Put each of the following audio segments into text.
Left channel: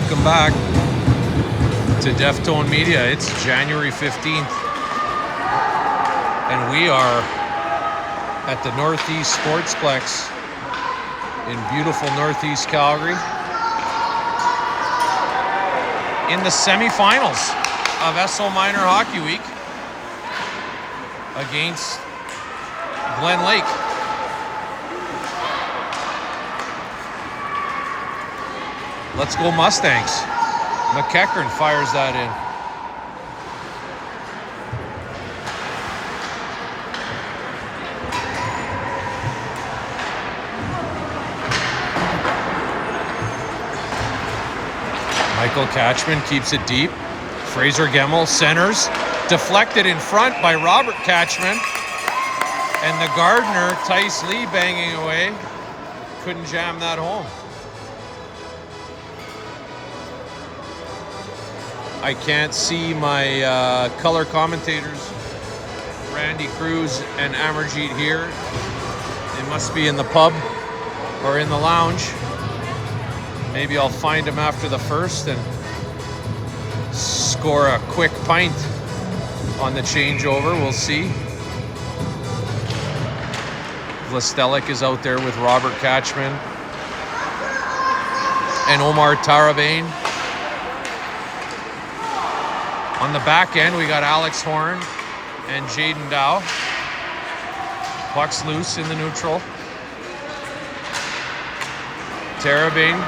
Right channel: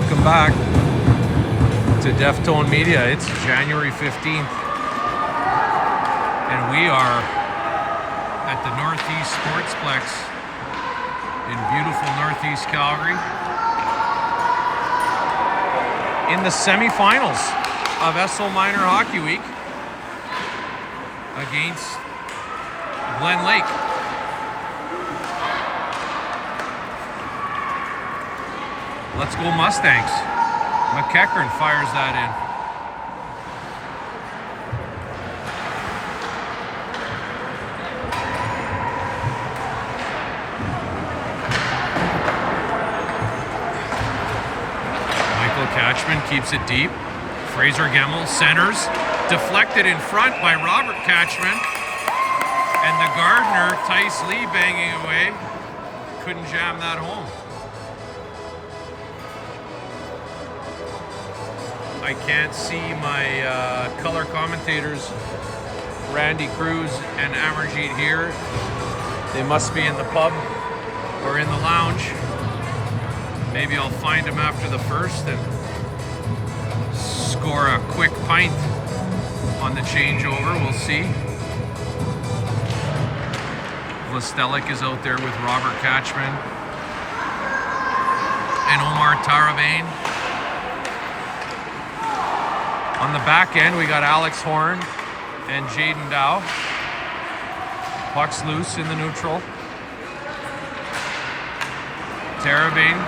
Welcome back to Deftone Media. It's January 15th, and we are at the Northeast Sportsplex in beautiful Northeast Calgary in the semifinals of Esso Minor Hockey Week against Glenlake. Let's go Mustangs. McKnight fires that in. Michael Catchman keeps it deep. Fraser Gemmell centers. Deflected in front by Robert Catchman. And the Gardner, Tice Lee, banging away. Couldn't jam that home. I can't see my color commentators, Randy Cruz and Amarjeet here. They must be in the pub or in the lounge. Maybe I'll find them after the first and score a quick pint on the changeover. We'll see. Vlastelic is out there with Robert Catchman and Omar Tarabane. On the back end, we got Alex Horn and Jaden Dow. Puck's loose in the neutral. Tarabane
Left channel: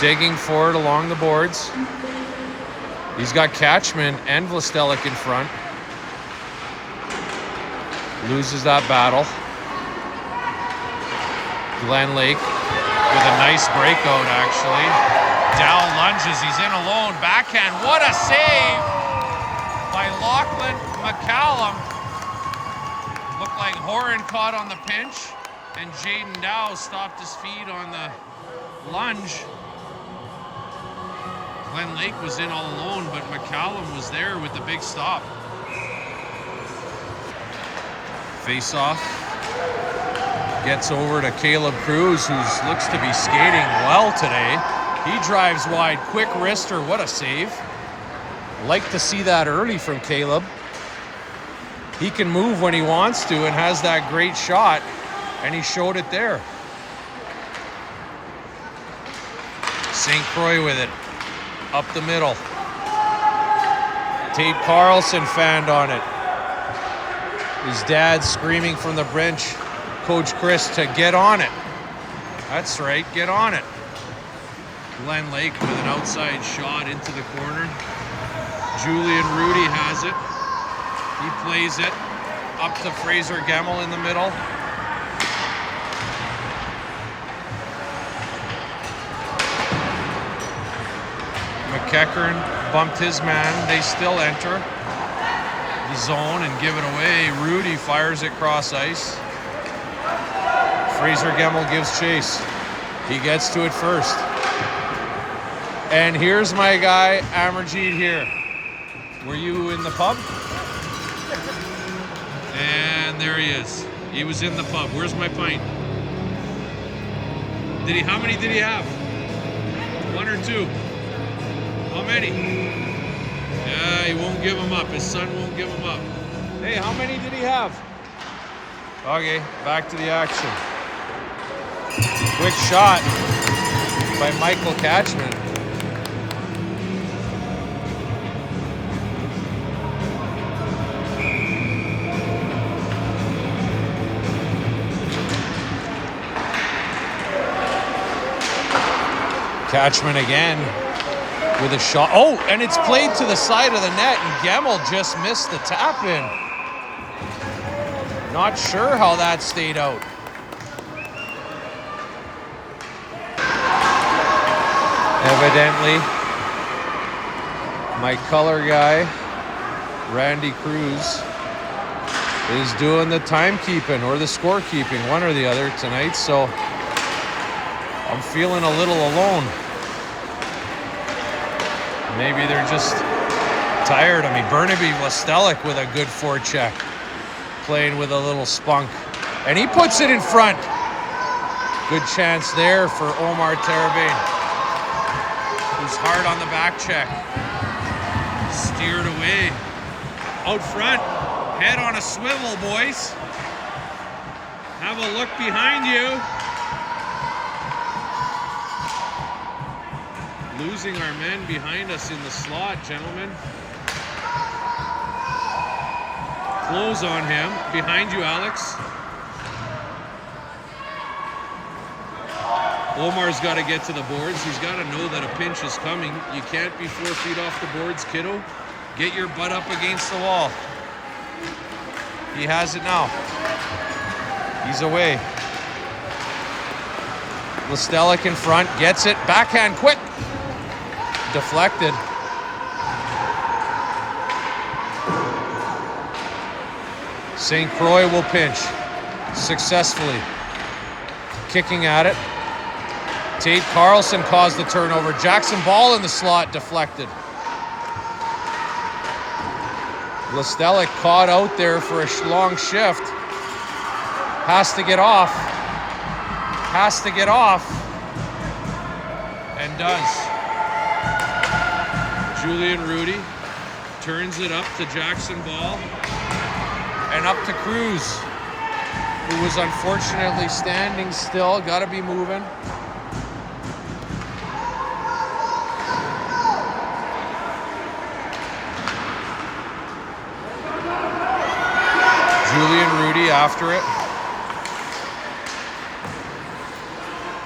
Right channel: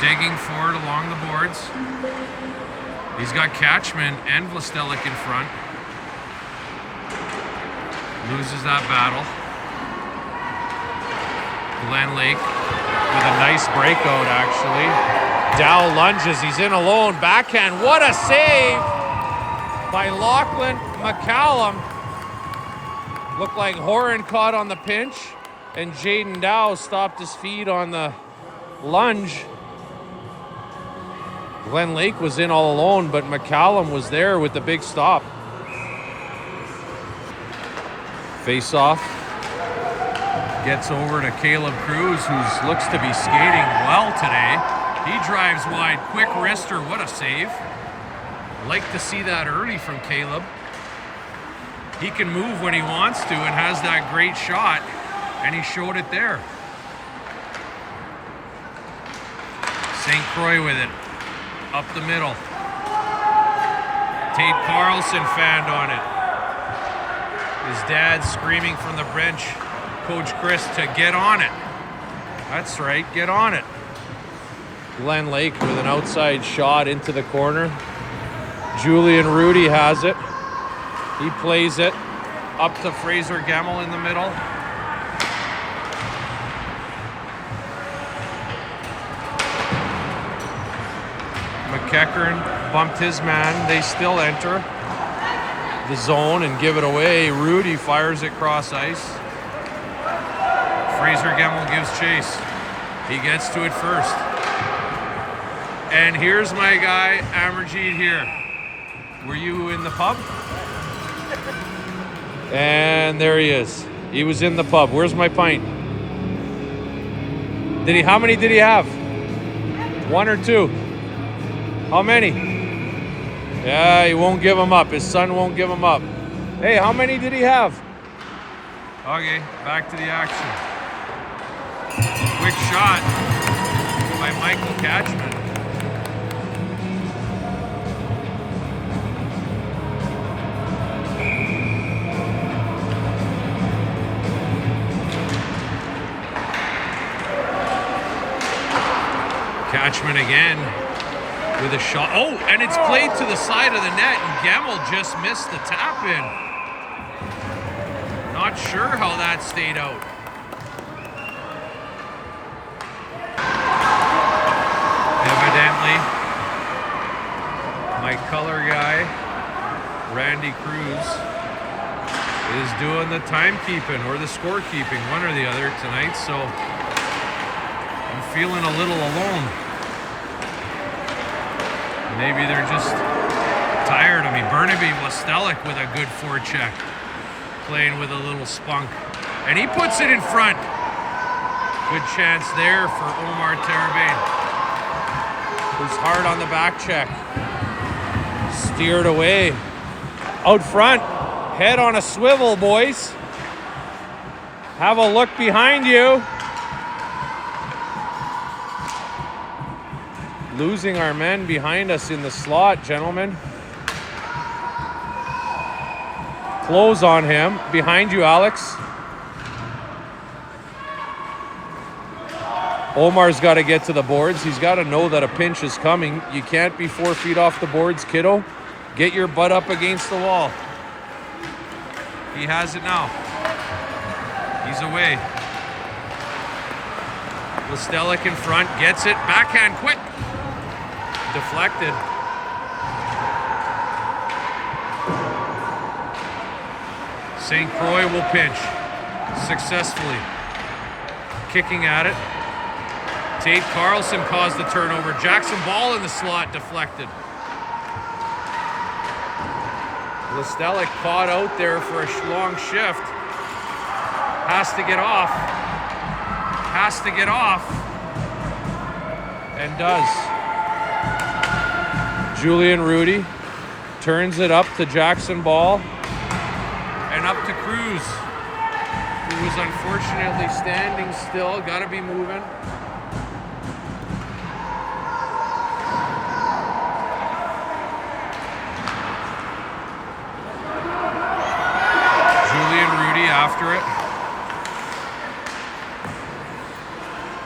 digging forward along the boards. He's got Catchman and Vlastelic in front. Loses that battle. Glenlake with a nice breakout, actually. Dow lunges, he's in alone, backhand, what a save by Lachlan McCallum. Looked like Horan caught on the pinch, and Jaden Dow stopped his feet on the lunge. Glenlake was in all alone, but McCallum was there with the big stop. Face off. Gets over to Caleb Cruz, who looks to be skating well today. He drives wide, quick wrister, what a save. Like to see that early from Caleb. He can move when he wants to and has that great shot, and he showed it there. St. Croix with it, up the middle. Tate Carlson fanned on it. His dad screaming from the bench, Coach Chris, to get on it. That's right, get on it. Glenlake with an outside shot into the corner. Julian Rudy has it. He plays it up to Fraser Gemmell in the middle. McKnight bumped his man. They still enter the zone and give it away. Rudy fires it cross ice. Fraser Gemmell gives chase. He gets to it first. And here's my guy, Amarjeet here. Were you in the pub? And there he is. He was in the pub. Where's my pint? How many did he have? One or two? How many? Yeah, he won't give them up. His son won't give him up. Hey, how many did he have? Okay, back to the action. Quick shot by Michael Catchman. Catchman again with a shot. Oh, and it's played to the side of the net, and Gemmell just missed the tap in. Not sure how that stayed out. Evidently, my color guy, Randy Cruz, is doing the timekeeping or the scorekeeping, one or the other tonight, so I'm feeling a little alone. Maybe they're just tired of me. Burnaby Vlastelic with a good forecheck, playing with a little spunk. And he puts it in front. Good chance there for Omar Tarabane. who's hard on the back check. Steered away. Out front, head on a swivel, boys. Have a look behind you. Losing our men behind us in the slot, gentlemen. Close on him. Behind you, Alex. Omar's got to get to the boards. He's got to know that a pinch is coming. You can't be 4 feet off the boards, kiddo. Get your butt up against the wall. He has it now. He's away. Listelic in front, gets it. Backhand quick. Deflected. St. Croix will pinch. Successfully. Kicking at it. Tate Carlson caused the turnover. Jackson Ball in the slot, deflected. Listelic caught out there for a long shift. Has to get off. Has to get off. And does. Julian Rudy turns it up to Jackson Ball. And up to Cruz, who was unfortunately standing still. Got to be moving. After it.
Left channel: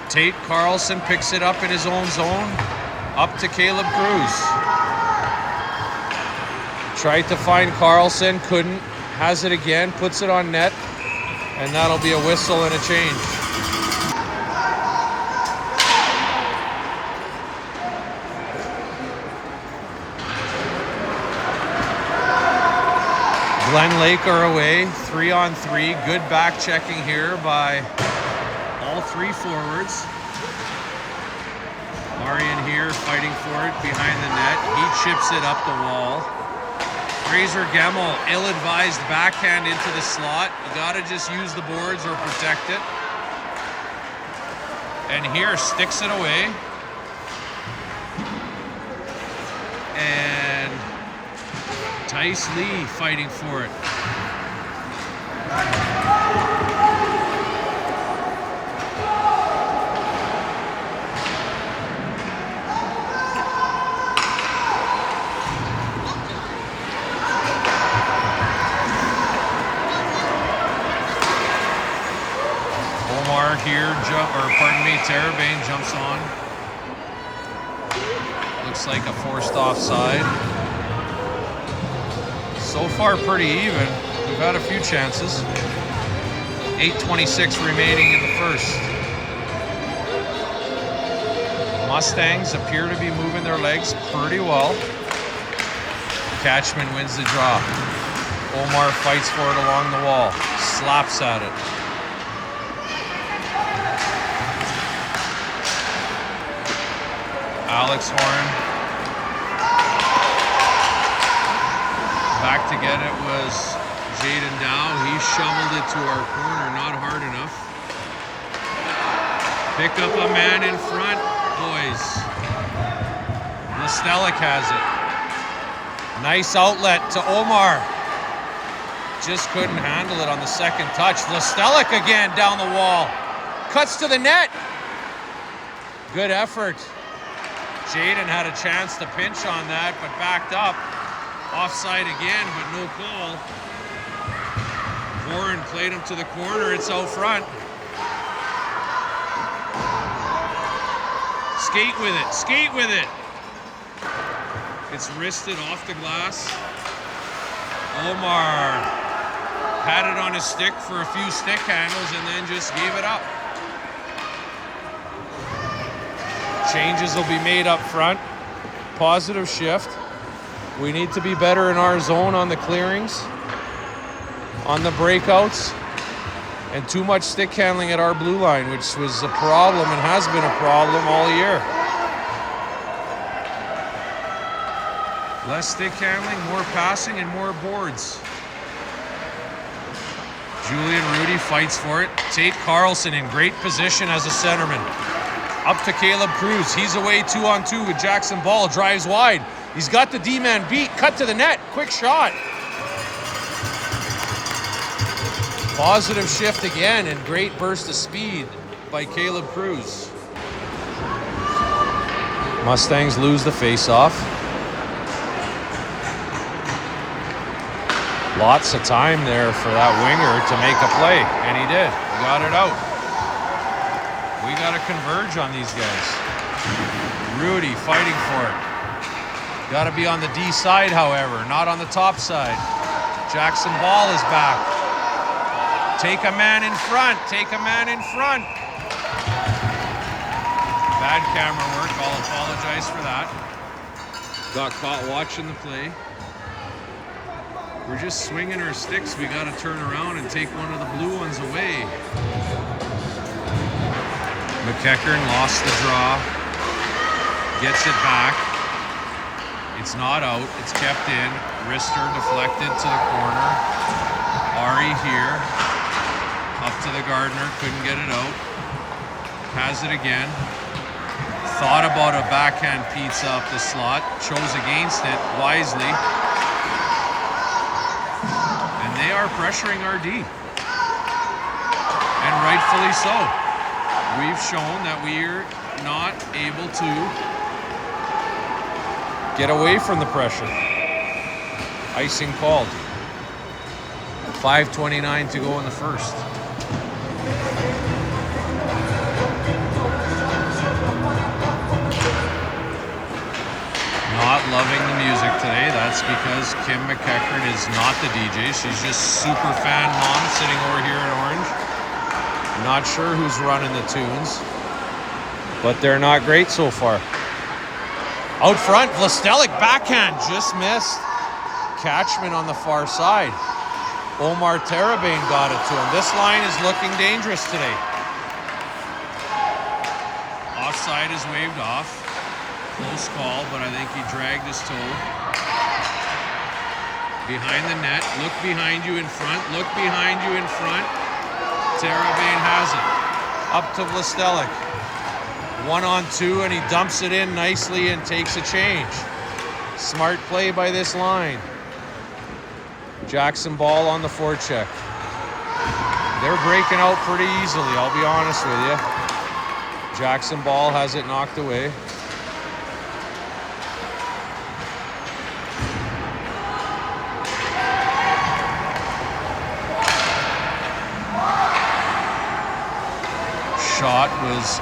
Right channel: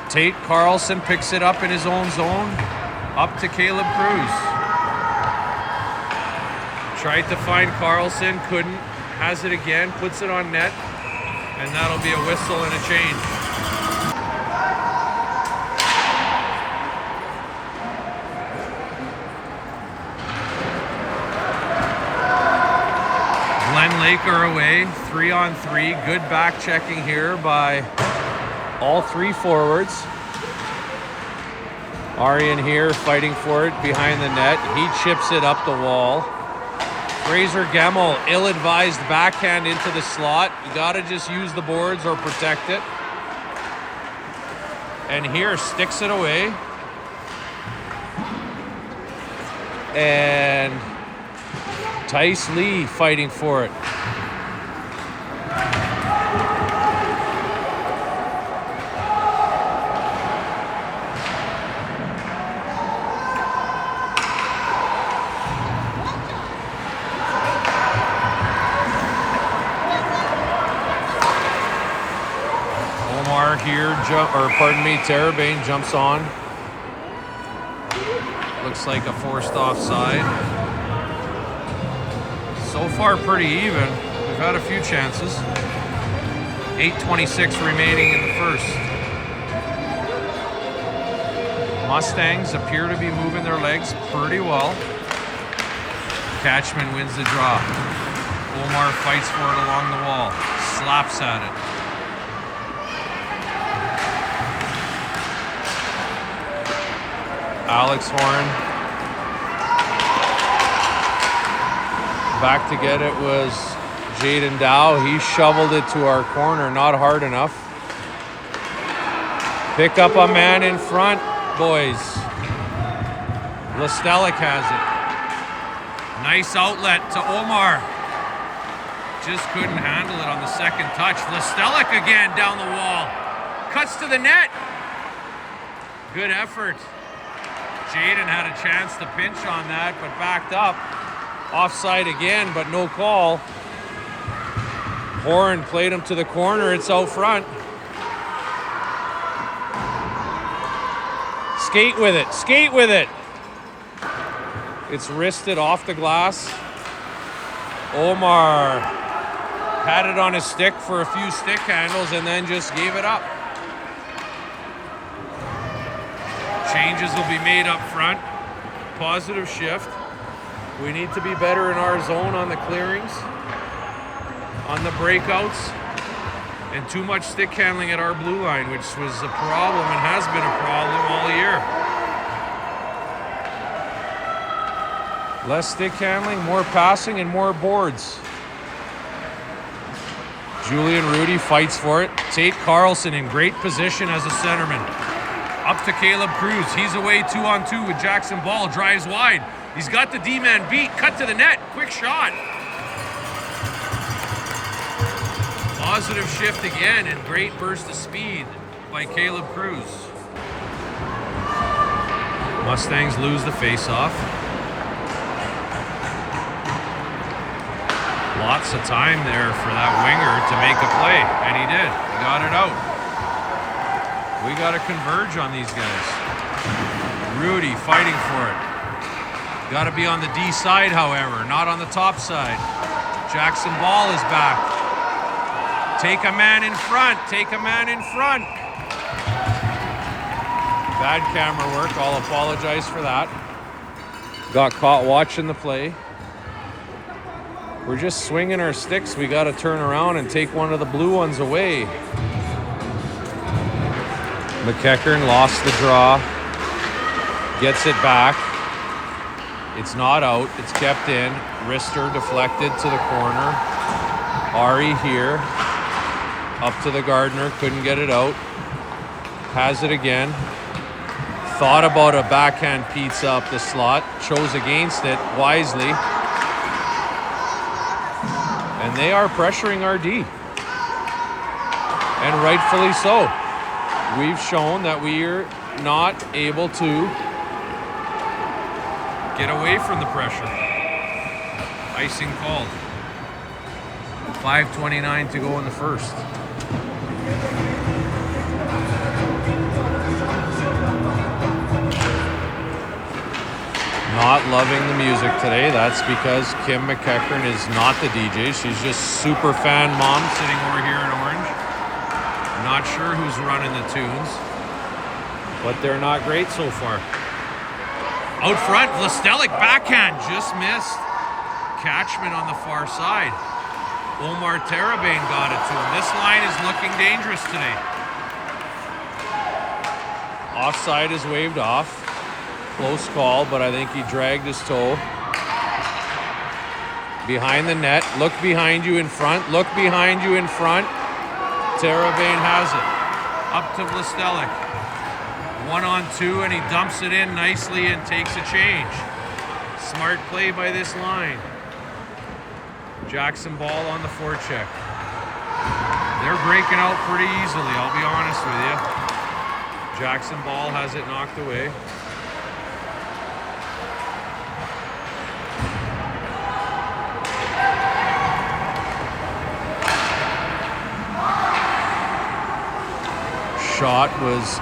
Tate Carlson picks it up in his own zone. Up to Caleb Cruz. Tried to find Carlson, couldn't. Has it again, puts it on net. And that'll be a whistle and a change. Glenlake are away, 3-on-3. Good back checking here by all three forwards. Arian here fighting for it behind the net. He chips it up the wall. Fraser Gemmell, ill-advised backhand into the slot. You gotta just use the boards or protect it. And here sticks it away. And Tice Lee fighting for it. Omar here, Terrebane jumps on. Looks like a forced offside. So far, pretty even. We've had a few chances. 8:26 remaining in the first. Mustangs appear to be moving their legs pretty well. Catchman wins the draw. Omar fights for it along the wall. Slaps at it. Alex Horn. Back to get it was Zayden Dow. He shoveled it to our corner, not hard enough. Pick up a man in front, boys. Listelic has it. Nice outlet to Omar. Just couldn't handle it on the second touch. Listelic again down the wall. Cuts to the net. Good effort. Jaden had a chance to pinch on that, but backed up. Offside again, but no call. Horn played him to the corner. It's out front. Skate with it. Skate with it. It's wristed off the glass. Omar had it on his stick for a few stick handles and then just gave it up. Changes will be made up front. Positive shift. We need to be better in our zone on the clearings, on the breakouts, and too much stick handling at our blue line, which was a problem and has been a problem all year. Less stick handling, more passing, and more boards. Julian Rudy fights for it. Tate Carlson in great position as a centerman. Up to Caleb Cruz. He's away 2-on-2 with Jackson Ball. Drives wide. He's got the D-man beat. Cut to the net. Quick shot. Positive shift again, and great burst of speed by Caleb Cruz. Mustangs lose the face-off. Lots of time there for that winger to make a play, and he did. He got it out. We got to converge on these guys. Rudy fighting for it. Got to be on the D side, however, not on the top side. Jackson Ball is back. Take a man in front. Take a man in front. Bad camera work. I'll apologize for that. Got caught watching the play. We're just swinging our sticks. We got to turn around and take one of the blue ones away. McKnight lost the draw. Gets it back. It's not out. It's kept in. Wrister deflected to the corner. Ari here. Up to the Gardner. Couldn't get it out. Has it again. Thought about a backhand pizza up the slot. Chose against it wisely. And they are pressuring our D. And rightfully so. We've shown that we're not able to get away from the pressure. Icing called. 5:29 to go in the first. Not loving the music today. That's because Kim McKnight is not the DJ. She's just super fan mom sitting over here in orange. Not sure who's running the tunes, but they're not great so far. Out front, Vlastelik backhand, just missed. Catchman on the far side. Omar Terabane got it to him. This line is looking dangerous today. Offside is waved off. Close call, but I think he dragged his toe. Behind the net. Look behind you in front. Look behind you in front. Terabane has it. Up to Vlastelik. 1-on-2, and he dumps it in nicely and takes a change. Smart play by this line. Jackson Ball on the forecheck. They're breaking out pretty easily, I'll be honest with you. Jackson Ball has it knocked away. Shot was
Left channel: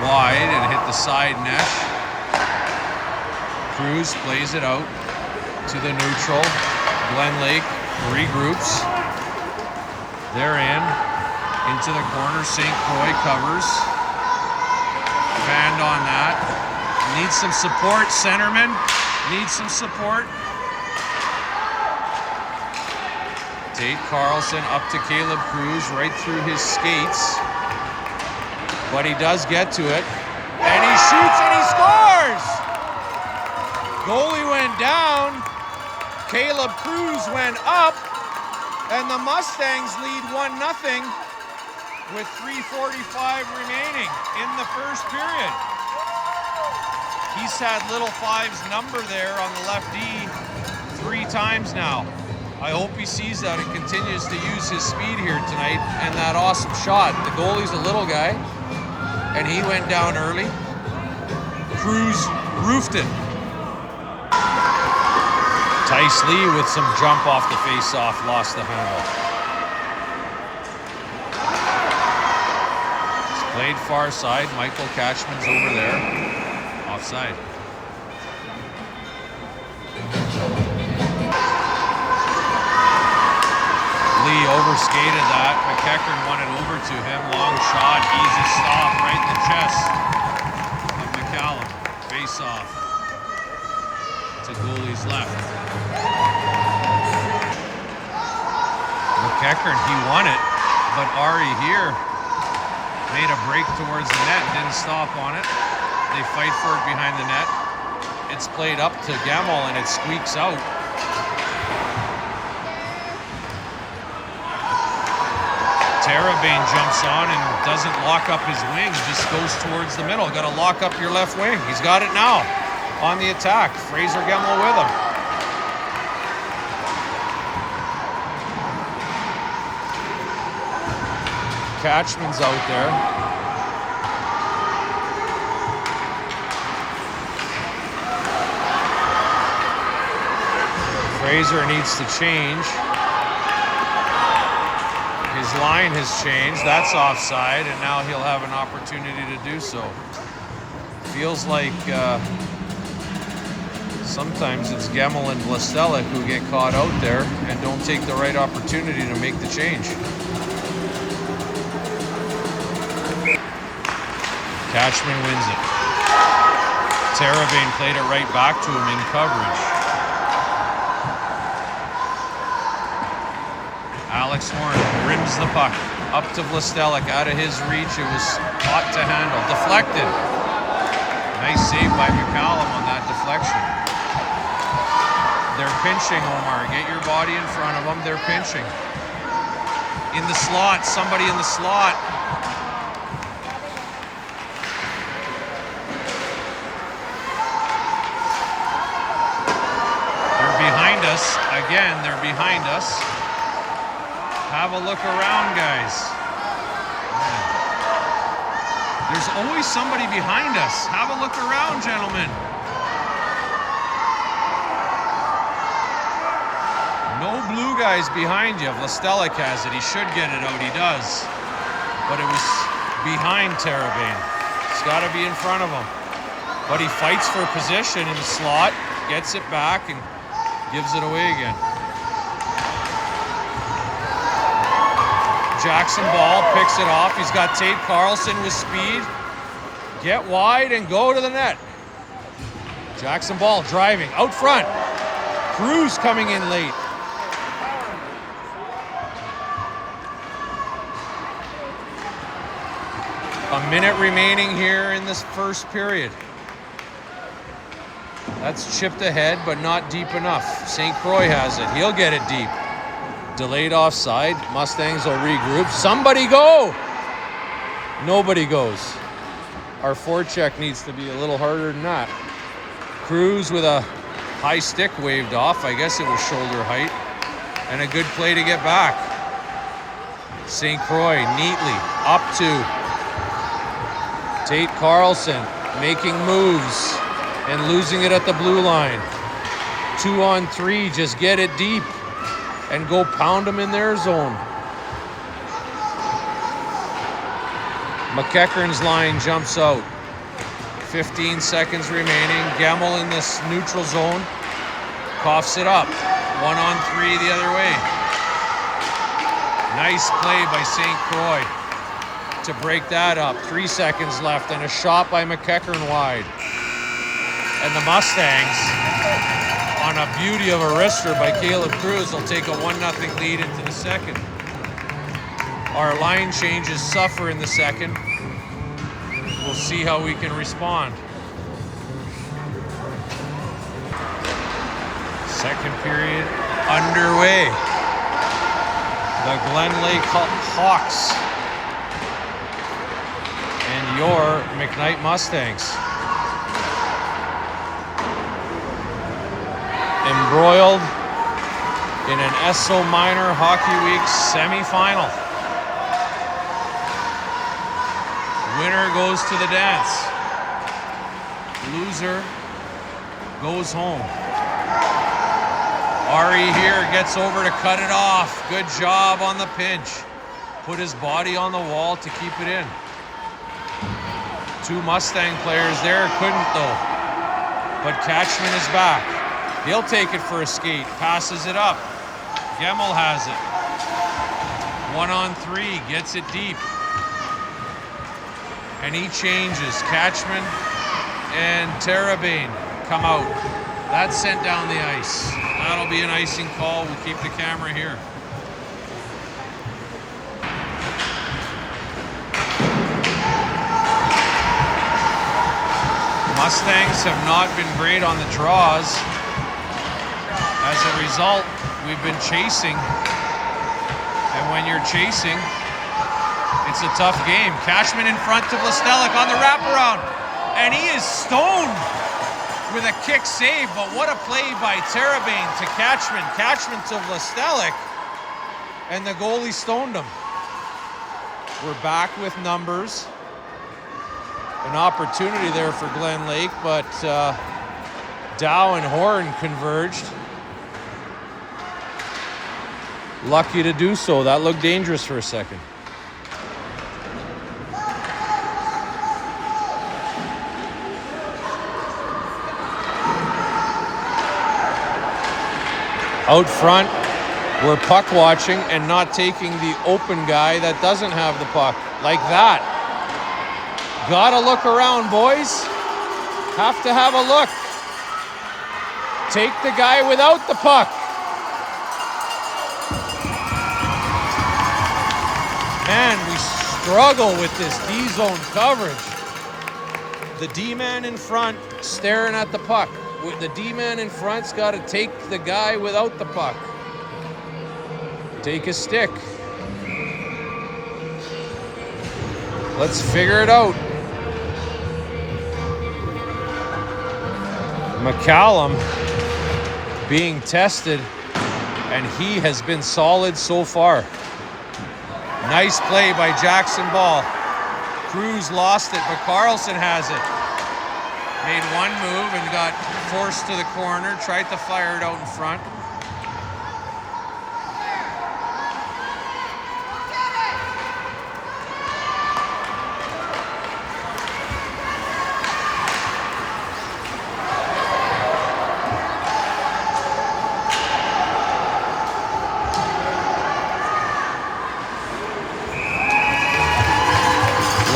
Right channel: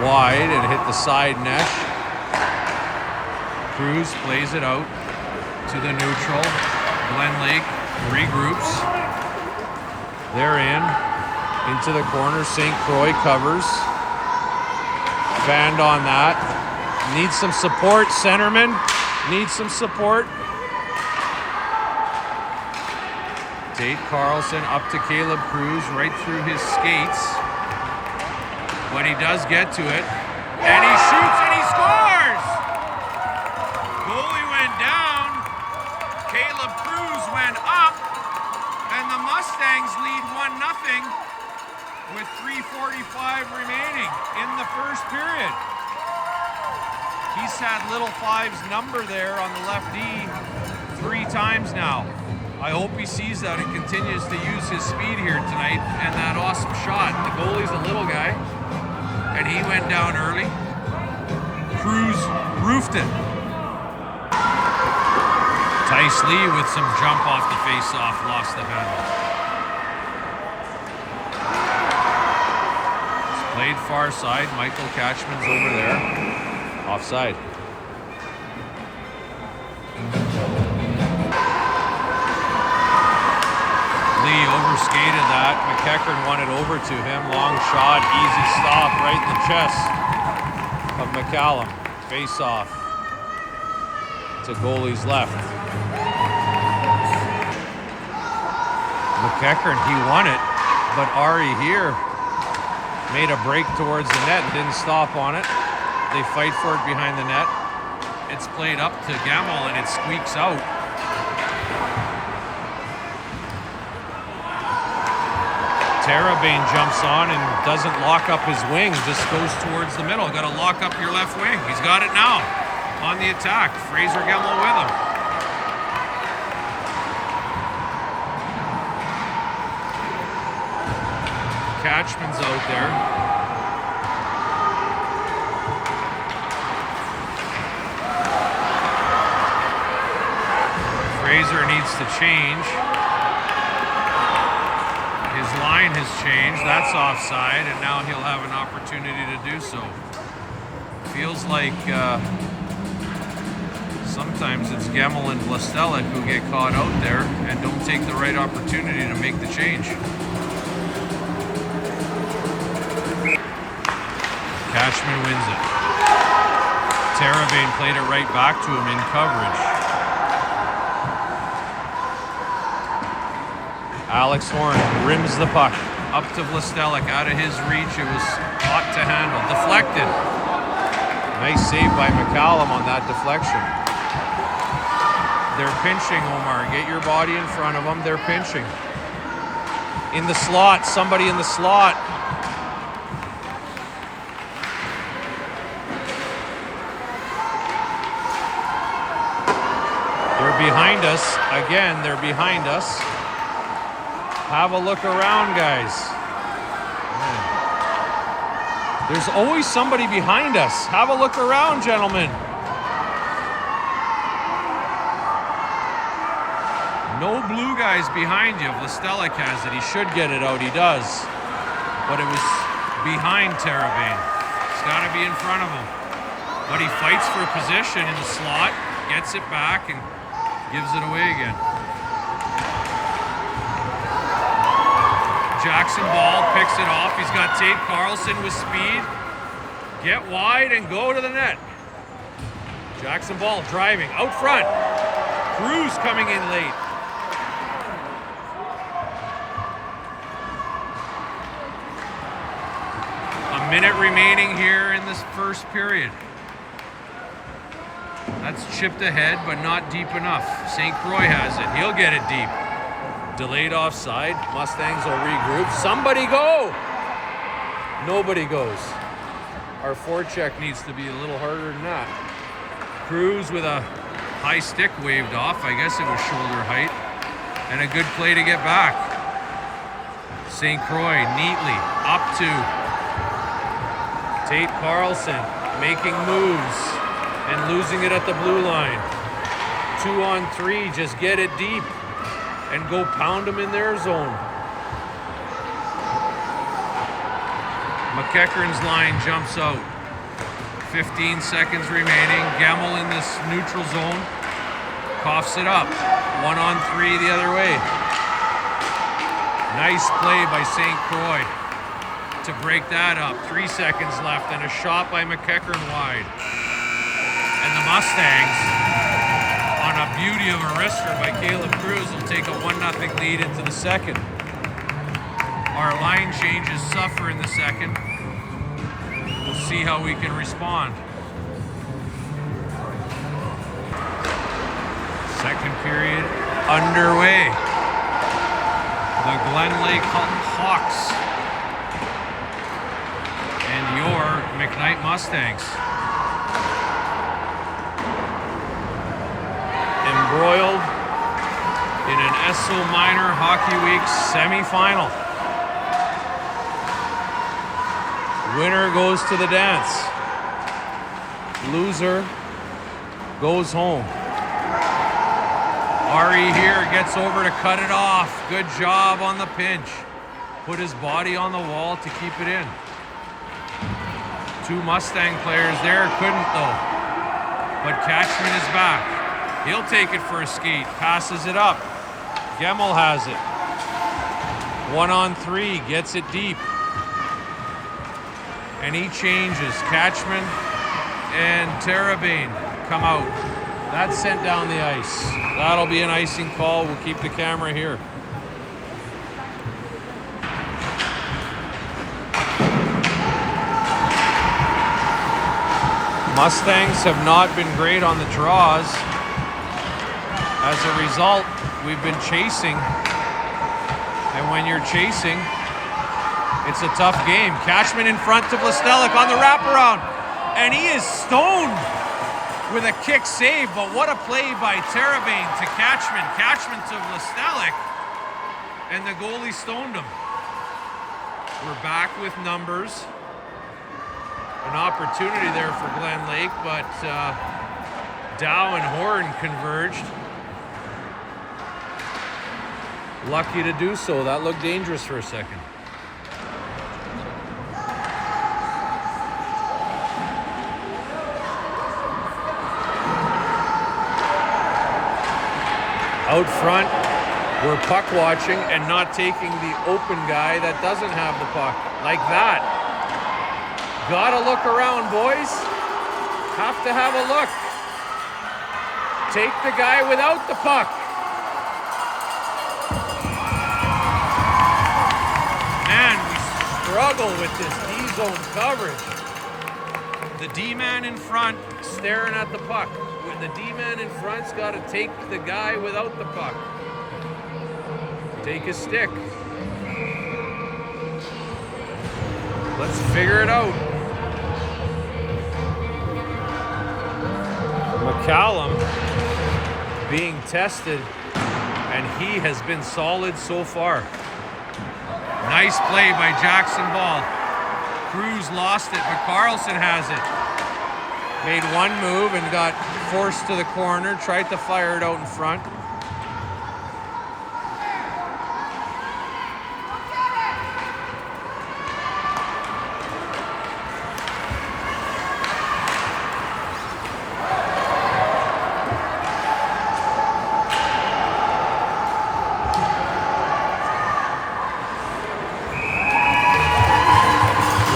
wide and hit the side net. Cruz plays it out to the neutral. Glenlake regroups. They're in. Into the corner. St. Croix covers. Fanned on that. Needs some support. Centerman needs some support. Tate Carlson up to Caleb Cruz right through his skates. But he does get to it. And he shoots and he scores! Goalie went down. Caleb Cruz went up. And the Mustangs lead 1-0 with 3:45 remaining in the first period. He's had Little Five's number there on the left D 3 times now. I hope he sees that and continues to use his speed here tonight and that awesome shot. The goalie's a little guy, and he went down early. Cruz roofed it. Tice Lee with some jump off the face-off, lost the handle. It's played far side. Michael Catchman's over there. Offside. Lee overskated that. McKnight won it over to him. Long shot, easy stop right in the chest of McCallum. Face off to goalie's left. McKnight, he won it, but Ari here made a break towards the net and didn't stop on it. They fight for it behind the net. It's played up to Gamel and it squeaks out. Terabane jumps on and doesn't lock up his wing, just goes towards the middle. Got to lock up your left wing. He's got it now on the attack. Fraser Gemmel with him. Catchman's out there. Fraser needs to change. His line has changed. That's offside, and now he'll have an opportunity to do so. Feels like sometimes it's Gemmel and Vlastelic who get caught out there and don't take the right opportunity to make the change. Catchman wins it. Terabane played it right back to him in coverage. Alex Horn rims the puck up to Vlastelic, out of his reach. It was hot to handle. Deflected. Nice save by McCallum on that deflection. They're pinching, Omar. Get your body in front of them. They're pinching. In the slot. Somebody in the slot. They're behind us. Again, they're behind us. Have a look around, guys. Man. There's always somebody behind us. Have a look around, gentlemen. No blue guys behind you. Vlastelic has it. He should get it out. He does. But it was behind Terabane. It's got to be in front of him. But he fights for position in the slot, gets it back, and gives it away again. Jackson Ball picks it off. He's got Tate Carlson with speed. Get wide and go to the net. Jackson Ball driving out front. Cruz coming in late. A minute remaining here in this first period. That's chipped ahead, but not deep enough. St. Croix has it. He'll get it deep. Delayed offside. Mustangs will regroup. Somebody go! Nobody goes. Our forecheck needs to be a little harder than that. Cruz with a high stick waved off. I guess it was shoulder height. And a good play to get back. St. Croix neatly up to Tate Carlson, making moves and losing it at the blue line. 2-on-3, just get it deep and go pound them in their zone. McEachern's line jumps out. 15 seconds remaining. Gemmel in this neutral zone. Coughs it up. 1-on-3 the other way. Nice play by St. Croix to break that up. 3 seconds left and a shot by McEachern wide. And the Mustangs, on a beauty of a wrister by Caleb Cruz, will take a 1-0 lead into the second. Our line changes suffer in the second. We'll see how we can respond. Second period underway. The Glenlake Hawks and your McKnight Mustangs. Embroiled in an Esso Minor Hockey Week semifinal. Winner goes to the dance. Loser goes home. Ari here gets over to cut it off. Good job on the pinch. Put his body on the wall to keep it in. Two Mustang players there couldn't though. But Catchman is back. He'll take it for a skate. Passes it up. Gemmel has it. 1-on-3. Gets it deep. And he changes. Catchman and Terabane come out. That's sent down the ice. That'll be an icing call. We'll keep the camera here. Mustangs have not been great on the draws. As a result, we've been chasing. And when you're chasing, It's a tough game. Cashman in front to Vlastelic on the wraparound. And he is stoned with a kick save, but what a play by Terrebane to Cashman. Cashman to Vlastelic, and the goalie stoned him. We're back with numbers. An opportunity there for Glenlake, but Dow and Horn converged. Lucky to do so. That looked dangerous for a second. Out front, we're puck watching and not taking the open guy that doesn't have the puck. Like that. Gotta look around, boys. Have to have a look. Take the guy without the puck. Man, we struggle with this D-zone coverage. The D-man in front staring at the puck. The D-man in front's got to take the guy without the puck. Take a stick. Let's figure it out. McCallum being tested, and he has been solid so far. Nice play by Jackson Ball. Cruz lost it, but Carlson has it. Made one move and got forced to the corner, tried to fire it out in front.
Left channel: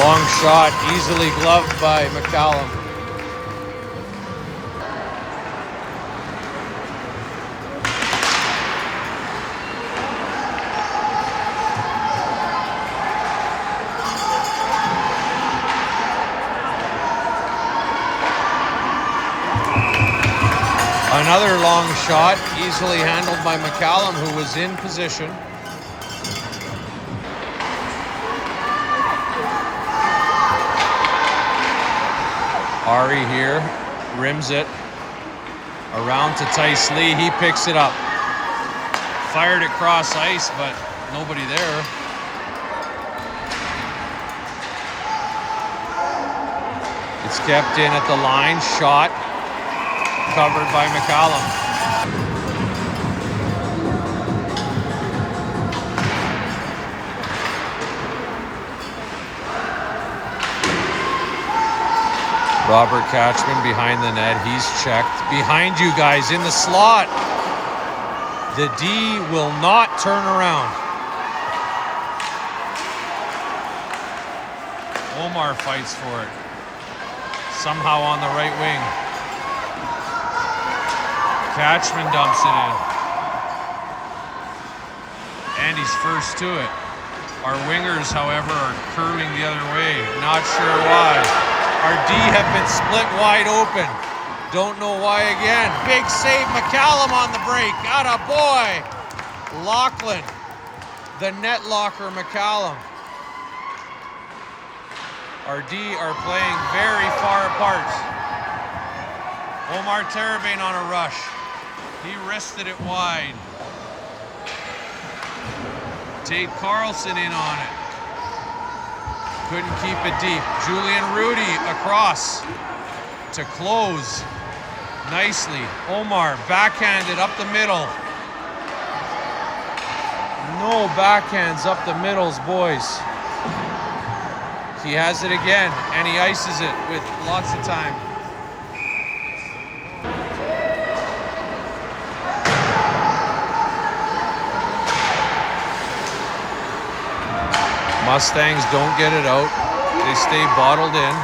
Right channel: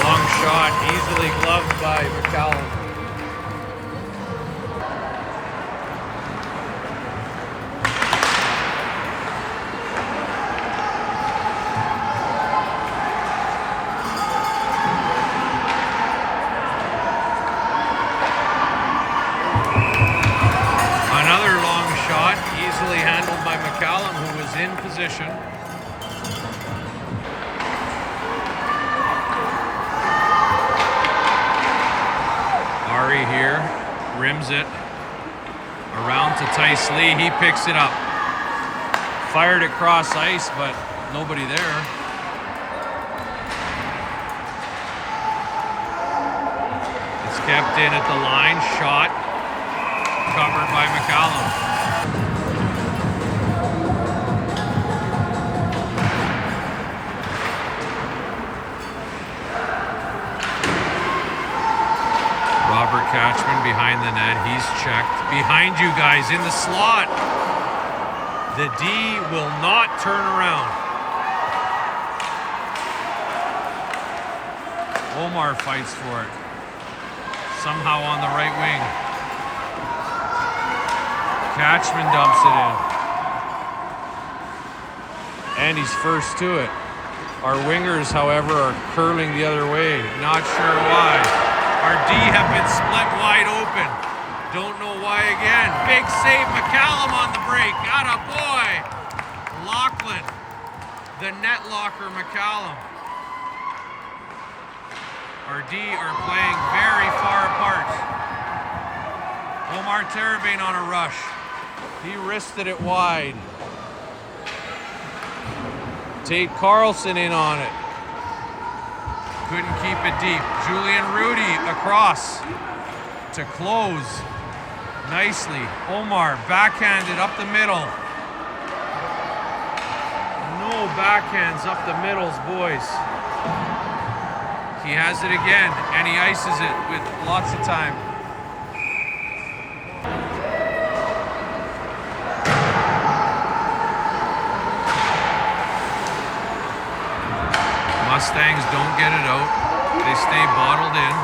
Long shot, easily gloved by McCallum. Another long shot, easily handled by McCallum, who was in position. Ari here, rims it. Around to Tice Lee, he picks it up. Fired it cross ice, but nobody there. It's kept in at the line, shot. Covered by McCallum. Robert Catchman behind the net. He's checked. Behind you guys in the slot. The D will not turn around. Omar fights for it. Somehow on the right wing. Catchman dumps it in. And he's first to it. Our wingers, however, are curling the other way. Not sure why. Our D have been split wide open. Don't know why again. Big save, McCallum on the break. Atta boy. Lachlan, the net locker, McCallum. Our D are playing very far apart. Omar Terrebane on a rush. He wristed it wide. Tate Carlson in on it. Couldn't keep it deep. Julian Rudy across to close nicely. Omar backhanded up the middle. No backhands up the middles, boys. He has it again, and he ices it with lots of time. Mustangs don't get it out. They stay bottled in.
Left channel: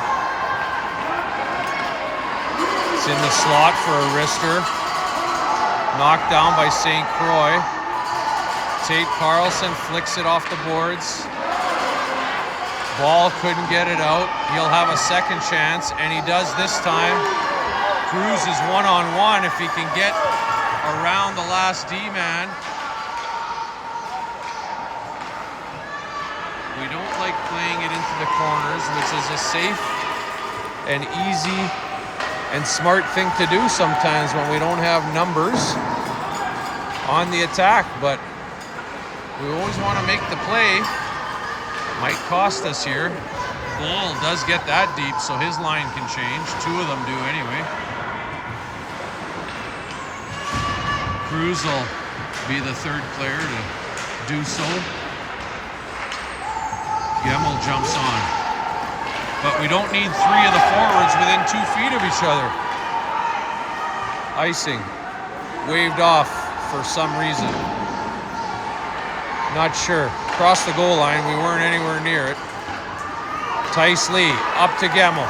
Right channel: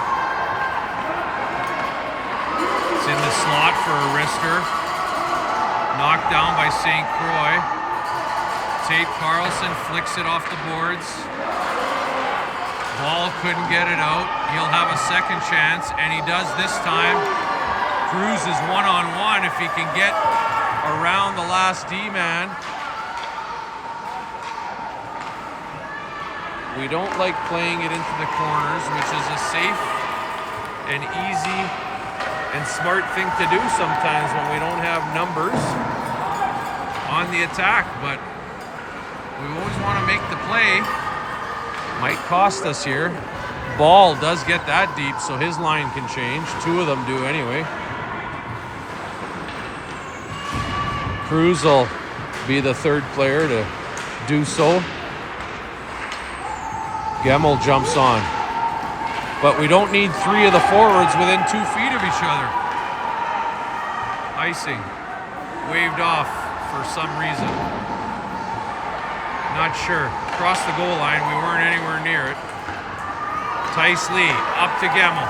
It's in the slot for a wrister. Knocked down by St. Croix. Tate Carlson flicks it off the boards. Ball couldn't get it out. He'll have a second chance, and he does this time. Cruz is one-on-one if he can get around the last D-man. We We don't like playing it into the corners, which is a safe and easy and smart thing to do sometimes when we don't have numbers on the attack. But we always want to make the play. Might cost us here. Ball does get that deep, so his line can change. Two of them do anyway. Cruz will be the third player to do so. Gemmel jumps on. But we don't need three of the forwards within 2 feet of each other. Icing. Waved off for some reason. Not sure. Across the goal line, we weren't anywhere near it. Tice Lee, up to Gemmel.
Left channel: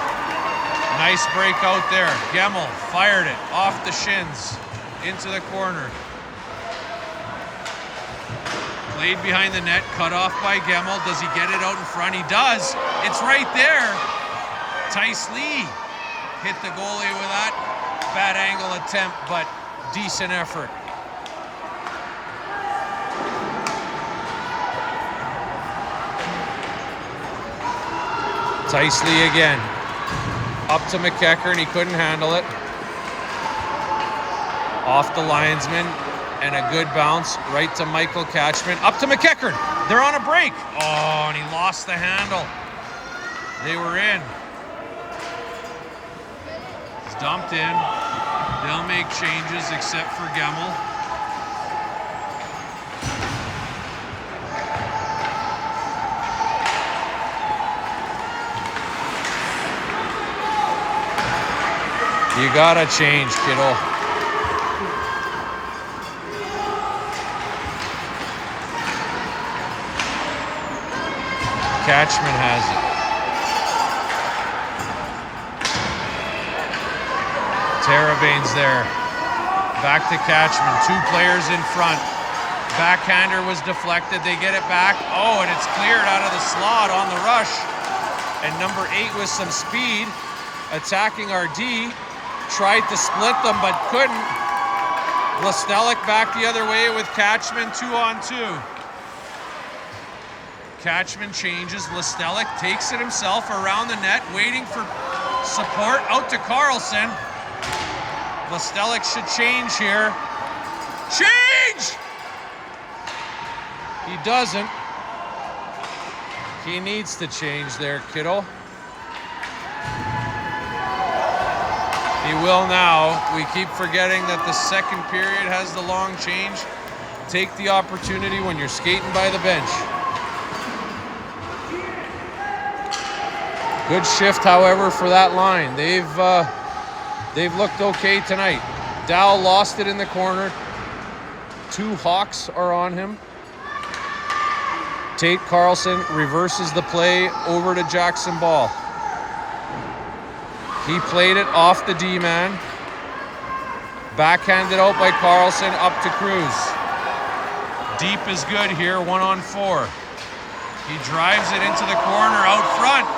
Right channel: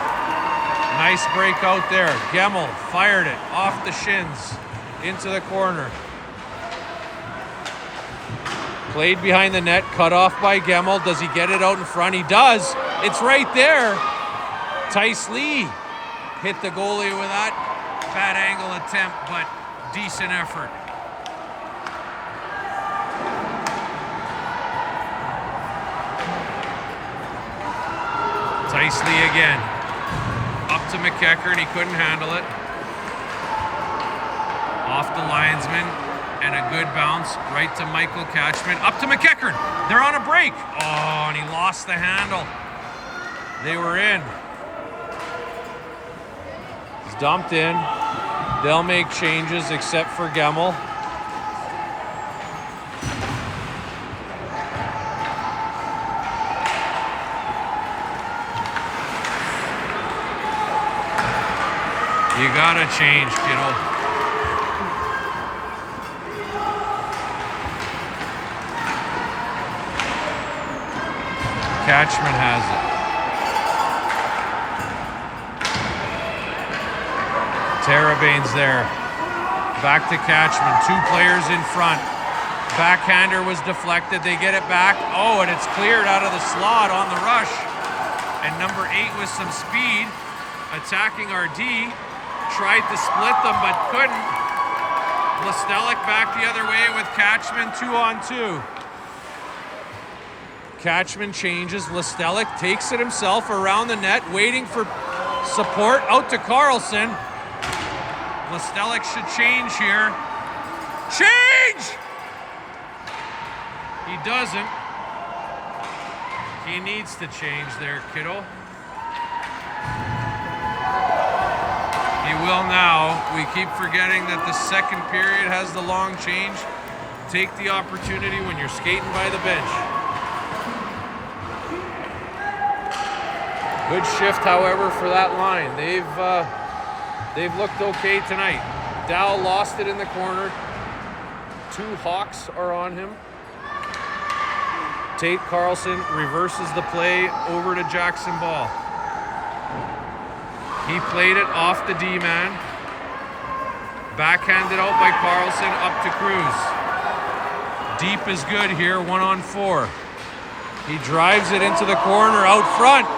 Nice break out there. Gemmel fired it off the shins into the corner. Played behind the net, cut off by Gemmel. Does he get it out in front? He does. It's right there. Tice Lee hit the goalie with that. Bad angle attempt, but decent effort. Tice Lee again. Up to McKnight, he couldn't handle it. Off the linesman, and a good bounce right to Michael Catchman. Up to McKnight. They're on a break. Oh, and he lost the handle. They were in. It's dumped in. They'll make changes except for Gemmel. You gotta change, kiddo. Catchman has it. Tarabane's there. Back to Catchman. 2 players in front. Backhander was deflected. They get it back. Oh, and it's cleared out of the slot on the rush. And number 8 with some speed, attacking our D. Tried to split them, but couldn't. Lestelik back the other way with Catchman 2-on-2. Catchman changes. Lestelik takes it himself around the net, waiting for support. Out to Carlson. Lestelik should change here. Change! He doesn't. He needs to change there, kiddo. He will now. We keep forgetting that the second period has the long change. Take the opportunity when you're skating by the bench. Good shift, however, for that line. They've looked okay tonight. Dow lost it in the corner. 2 Hawks are on him. Tate Carlson reverses the play over to Jackson Ball. He played it off the D-man. Backhanded out by Carlson up to Cruz. Deep is good here, 1-on-4. He drives it into the corner out front.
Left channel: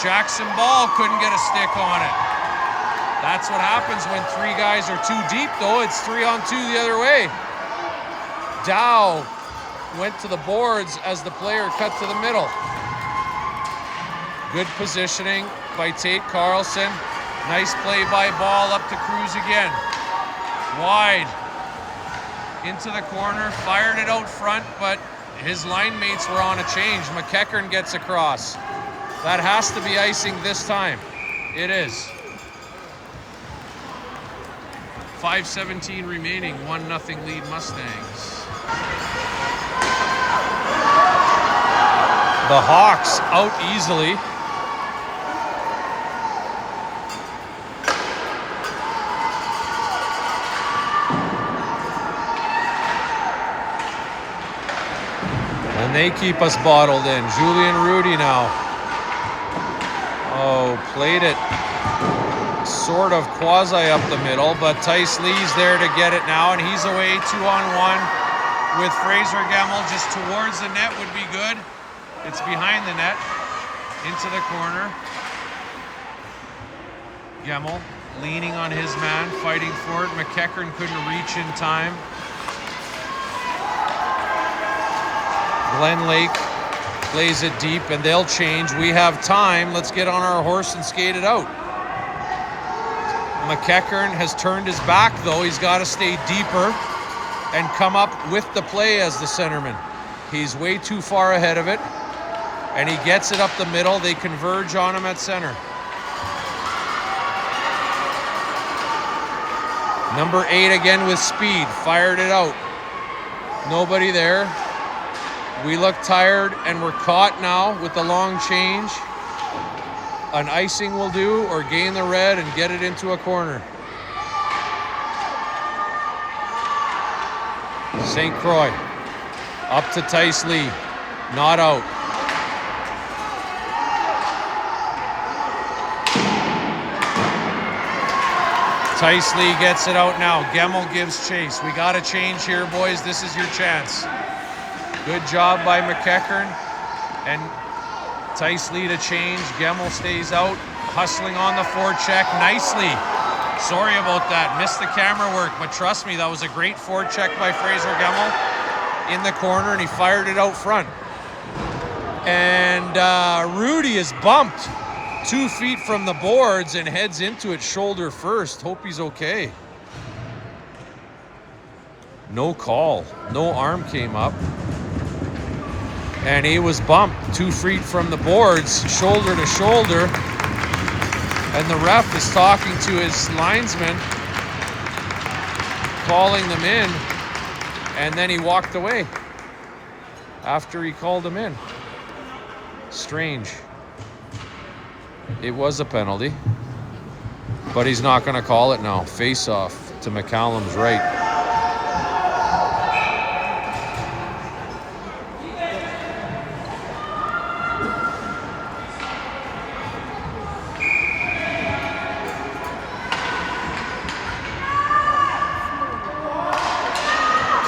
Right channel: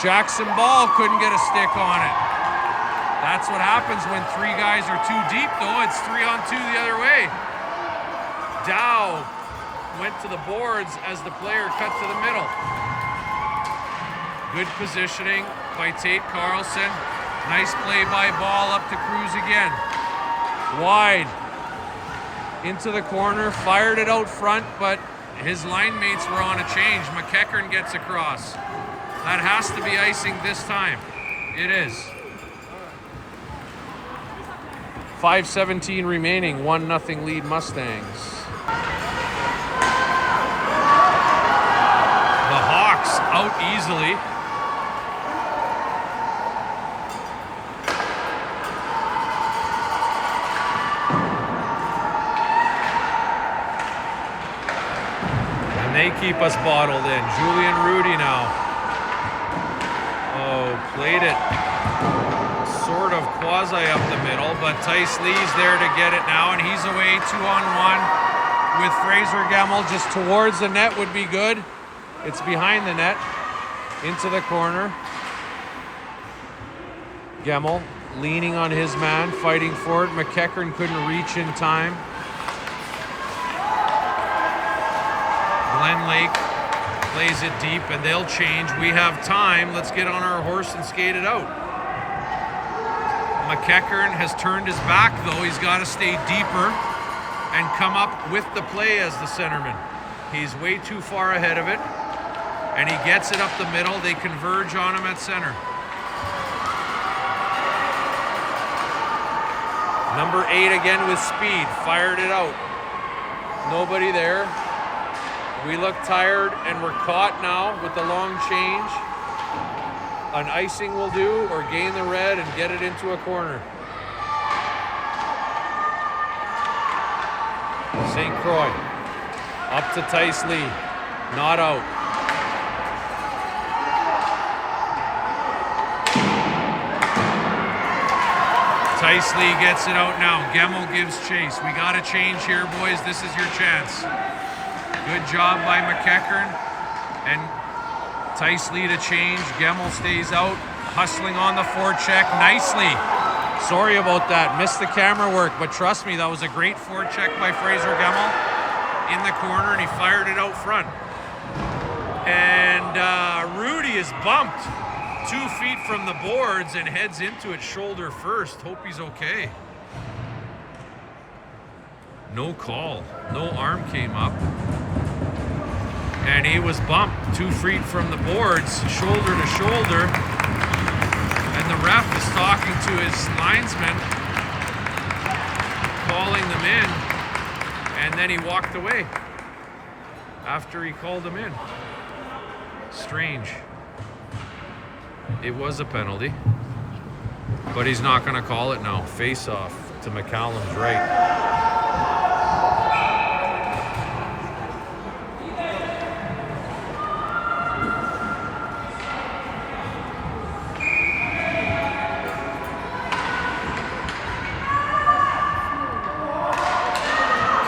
Jackson Ball couldn't get a stick on it. That's what happens when 3 guys are too deep, though. It's 3-on-2 the other way. Dow went to the boards as the player cut to the middle. Good positioning by Tate Carlson. Nice play by Ball up to Cruz again. Wide. Into the corner, fired it out front, but his line mates were on a change. McKnight gets across. That has to be icing this time. It is. 5:17 remaining, 1-0 lead Mustangs. The Hawks out easily. And they keep us bottled in. Julian Rudy now. Oh, played it sort of quasi up the middle, but Tice Lee's there to get it now, and he's away 2-on-1 with Fraser Gemmel. Just towards the net would be good. It's behind the net, into the corner. Gemmel leaning on his man, fighting for it. McKnight couldn't reach in time. Glenlake Plays it deep, and they'll change. We have time. Let's get on our horse and skate it out. McKnight has turned his back, though. He's got to stay deeper and come up with the play as the centerman. He's way too far ahead of it, and he gets it up the middle. They converge on him at center. Number 8 again with speed, fired it out. Nobody there. We look tired, and we're caught now with the long change. An icing will do, or gain the red and get it into a corner. St. Croix up to Tice Lee, not out. Tice Lee gets it out now. Gemmell gives chase. We got to change here, boys. This is your chance. Good job by McKnight and Tice Lee to change. Gemmell stays out, hustling on the forecheck nicely. Sorry about that. Missed the camera work, but trust me, that was a great forecheck by Fraser Gemmell in the corner, and he fired it out front. And Rudy is bumped 2 feet from the boards and heads into it shoulder first. Hope he's okay. No call. No arm came up. And he was bumped 2 feet from the boards, shoulder to shoulder. And the ref is talking to his linesman, calling them in. And then he walked away after he called him in. Strange. It was a penalty, but he's not going to call it now. Face off to McCallum's right.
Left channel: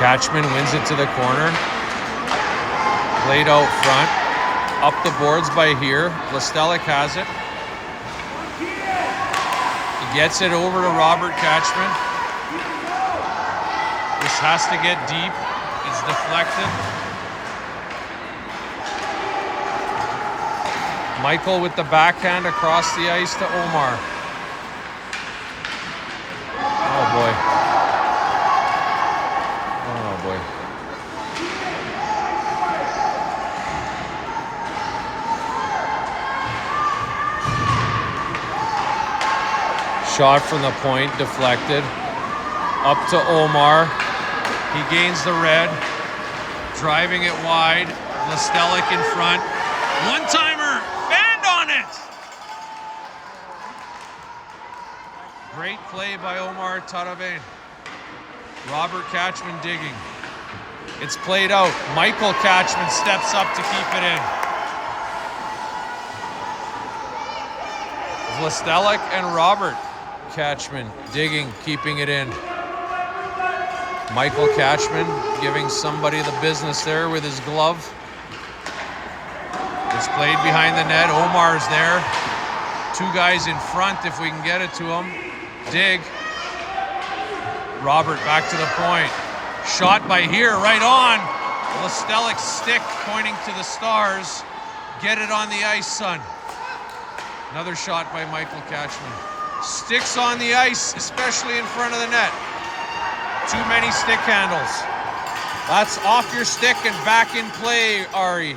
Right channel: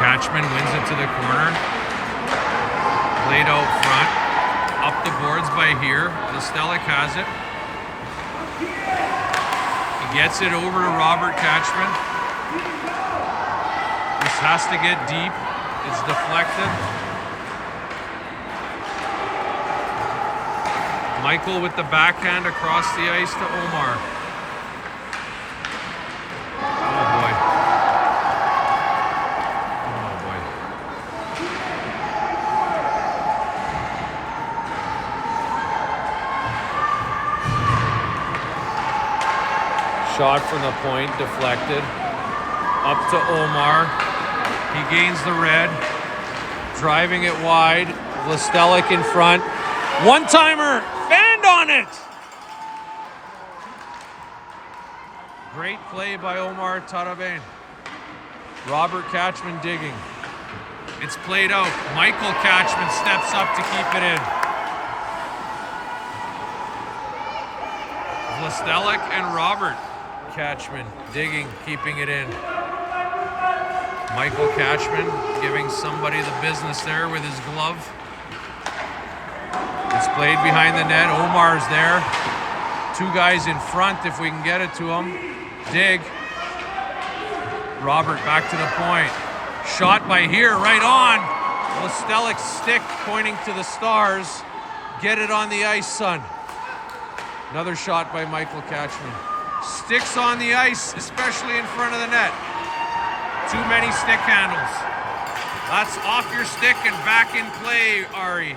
Catchman wins it to the corner. Laid out front. Up the boards by here. Lestelic has it. He gets it over to Robert Catchman. This has to get deep. It's deflected. Michael with the backhand across the ice to Omar. Oh boy. Shot from the point, deflected. Up to Omar. He gains the red. Driving it wide. Lestelic in front. One-timer! Band on it! Great play by Omar Tarabane. Robert Catchman digging. It's played out. Michael Catchman steps up to keep it in. Lestelic and Robert Catchman digging, keeping it in. Michael Catchman giving somebody the business there with his glove. It's played behind the net. Omar's there. 2 guys in front if we can get it to him. Dig. Robert back to the point. Shot by here, right on. Lestelic's stick pointing to the stars. Get it on the ice, son. Another shot by Michael Catchman. Sticks on the ice, especially in front of the net. Too many stick handles. That's off your stick and back in play, Ari.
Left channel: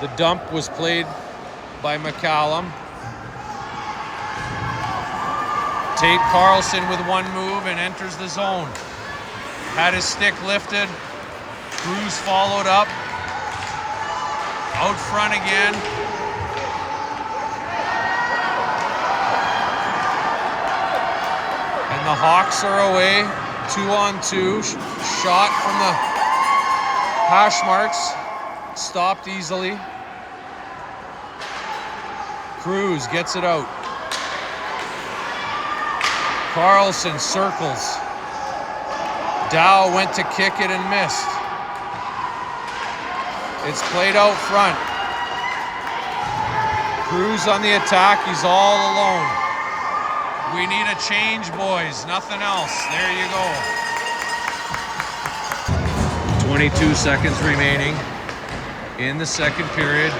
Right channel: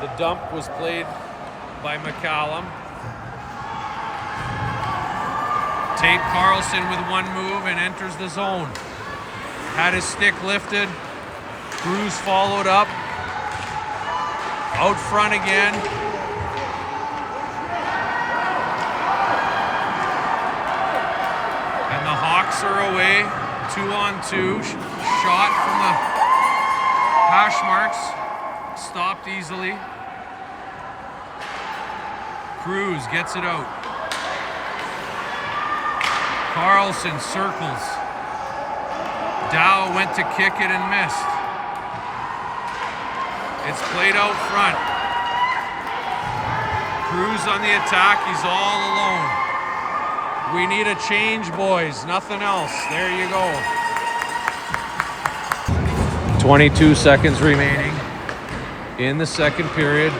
The dump was played by McCallum. Tate Carlson with one move and enters the zone. Had his stick lifted. Cruz followed up. Out front again. And the Hawks are away. 2-on-2. Shot from the hash marks. Stopped easily. Cruz gets it out. Carlson circles. Dow went to kick it and missed. It's played out front. Cruz on the attack. He's all alone. We need a change, boys. Nothing else. There you go. 22 seconds remaining in the second period.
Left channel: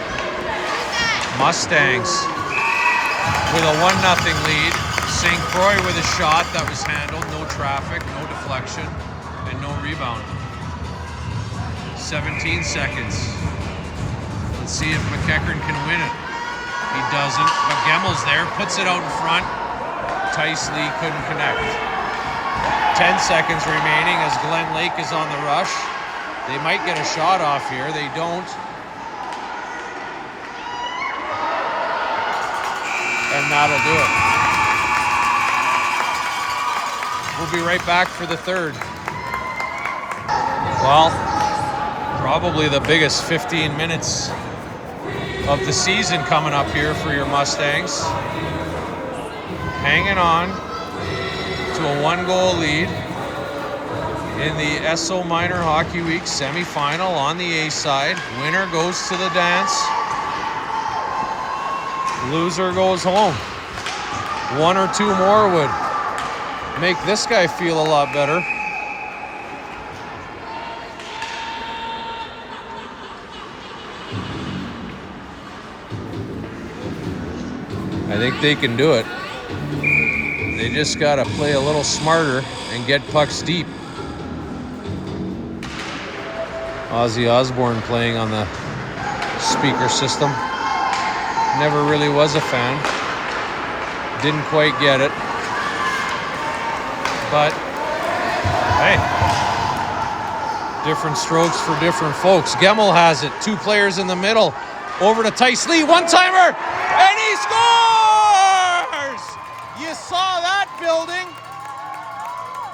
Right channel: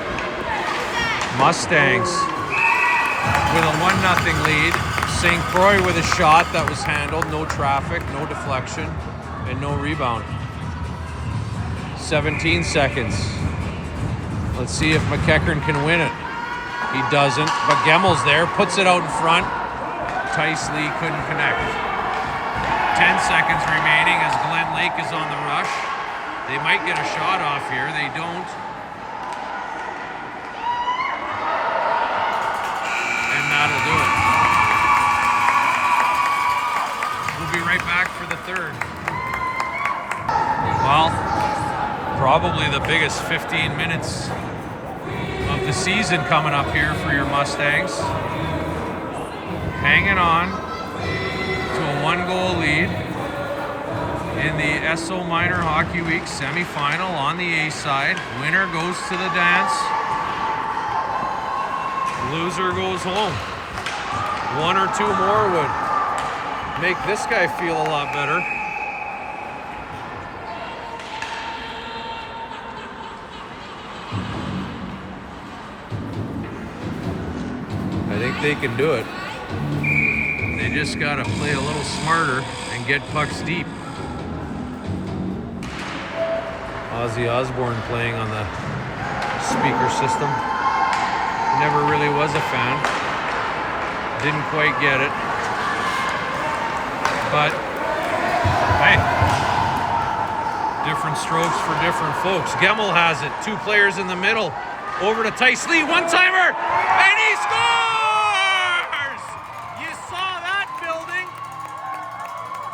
Mustangs with a 1-0 lead. St. Croix with a shot that was handled. No traffic, no deflection, and no rebound. 17 seconds. Let's see if McEachern can win it. He doesn't, but Gemmel's there, puts it out in front. Tice Lee couldn't connect. 10 seconds remaining as Glenlake is on the rush. They might get a shot off here. They don't. And that'll do it. We'll be right back for the third. Well, probably the biggest 15 minutes of the season coming up here for your Mustangs. Hanging on to a 1-goal lead in the Esso Minor Hockey Week semifinal on the A side. Winner goes to the dance. Loser goes home. 1 or 2 more would make this guy feel a lot better. I think they can do it. They just got to play a little smarter and get pucks deep. Ozzy Osbourne playing on the speaker system. Never really was a fan. Didn't quite get it. But, hey, different strokes for different folks. Gemmel has it. 2 players in the middle. Over to Tice Lee. One-timer. And he scores! You saw that building.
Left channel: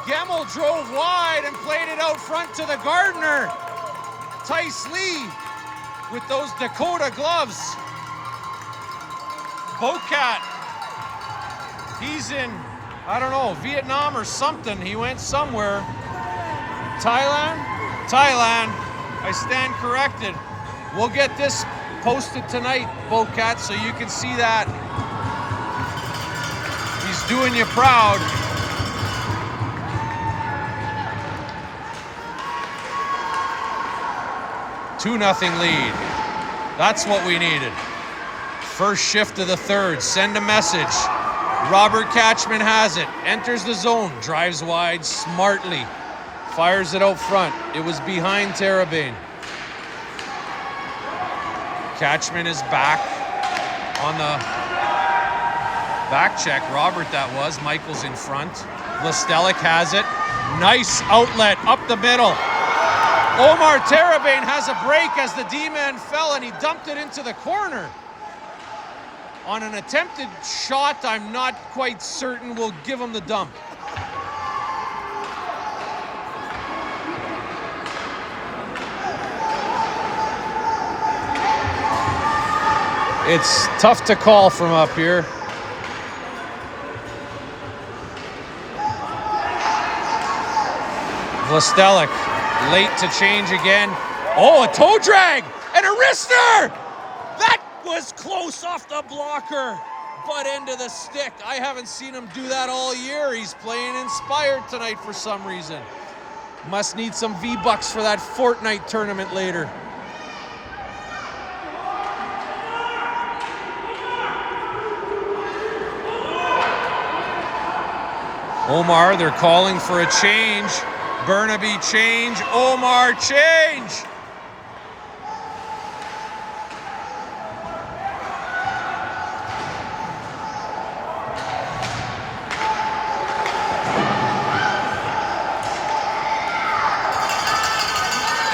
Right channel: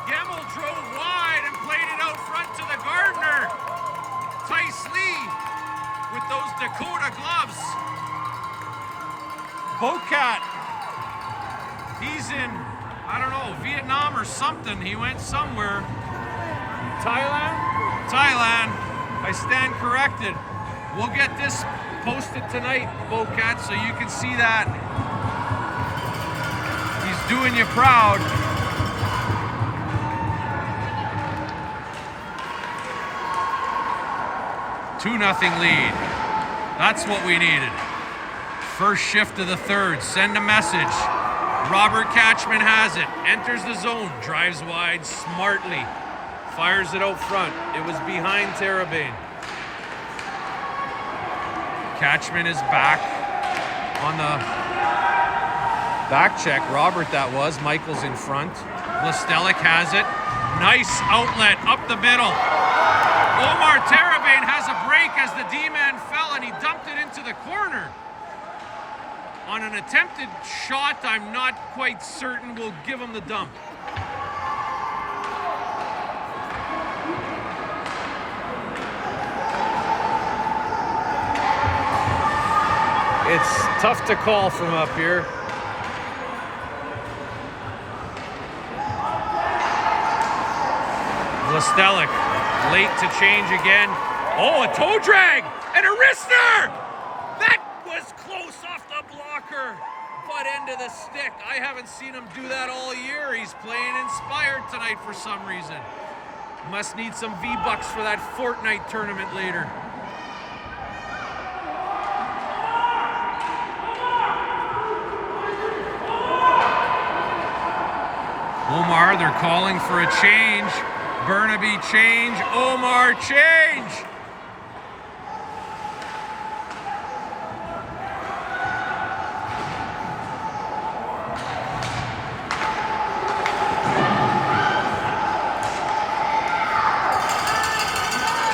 Gemmel drove wide and played it out front to the Gardner. Tice Lee with those Dakota gloves. Bocat, he's in, I don't know, Vietnam or something. He went somewhere. Thailand? Thailand. I stand corrected. We'll get this posted tonight, Bocat, so you can see that. He's doing you proud. Two 2-0 lead. That's what we needed. First shift of the third. Send a message. Robert Catchman has it. Enters the zone. Drives wide smartly. Fires it out front. It was behind Terrebonne. Catchman is back on the back check. Robert that was. Michael's in front. Lestelik has it. Nice outlet up the middle. Omar Terrebonne has a break as the D-man fell and he dumped it into the corner. On an attempted shot, I'm not quite certain we'll give him the dump. It's tough to call from up here. Lestelik, late to change again. Oh, a toe drag and a wrister! That was close off the blocker. Butt end of the stick. I haven't seen him do that all year. He's playing inspired tonight for some reason. Must need some V-Bucks for that Fortnite tournament later. Omar, they're calling for a change. Burnaby change. Omar change.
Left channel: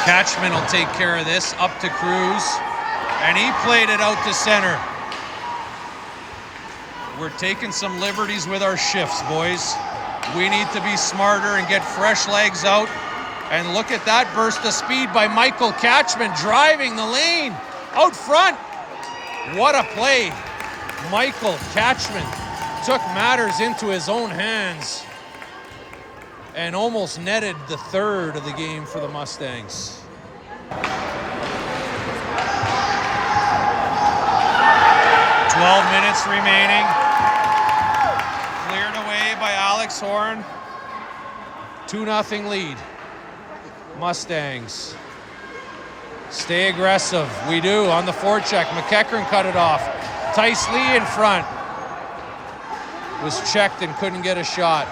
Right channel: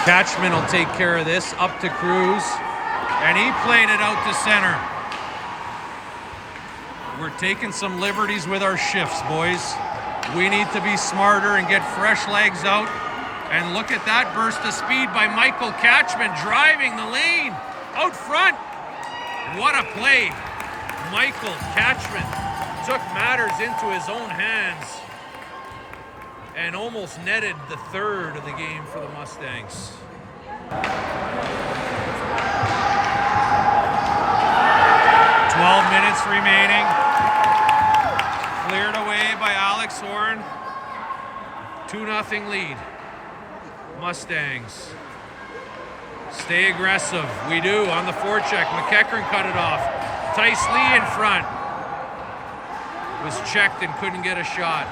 Catchman will take care of this, up to Cruz, and he played it out to center. We're taking some liberties with our shifts, boys. We need to be smarter and get fresh legs out. And look at that burst of speed by Michael Catchman, driving the lane out front. What a play. Michael Catchman took matters into his own hands and almost netted the third of the game for the Mustangs. 12 minutes remaining. Cleared away by Alex Horn. 2-0 lead. Mustangs. Stay aggressive. We do on the forecheck. McEachern cut it off. Tice Lee in front. Was checked and couldn't get a shot.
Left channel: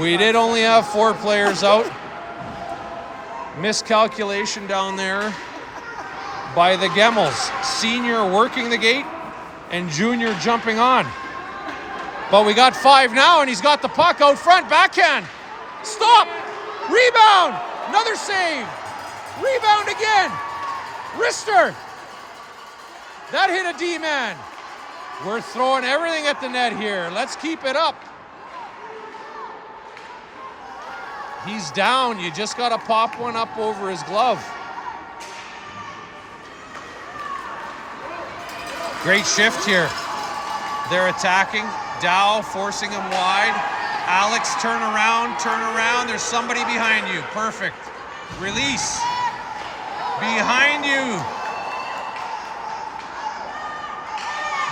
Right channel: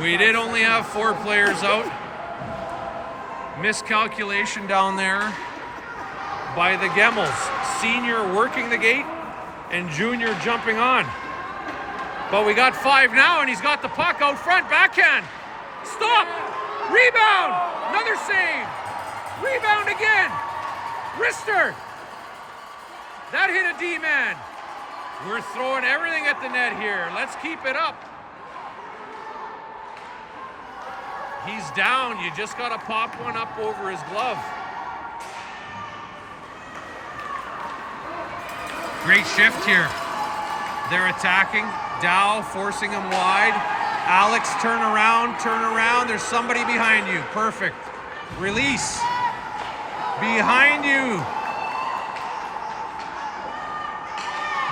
We did only have 4 players out. Miscalculation down there by the Gemmels. Senior working the gate and junior jumping on. But we got 5 now, and he's got the puck out front. Backhand. Stop. Rebound. Another save. Rebound again. Wrister. That hit a D-man. We're throwing everything at the net here. Let's keep it up. He's down. You just got to pop one up over his glove. Great shift here. They're attacking. Dow forcing him wide. Alex, turn around, turn around. There's somebody behind you. Perfect. Release. Behind you.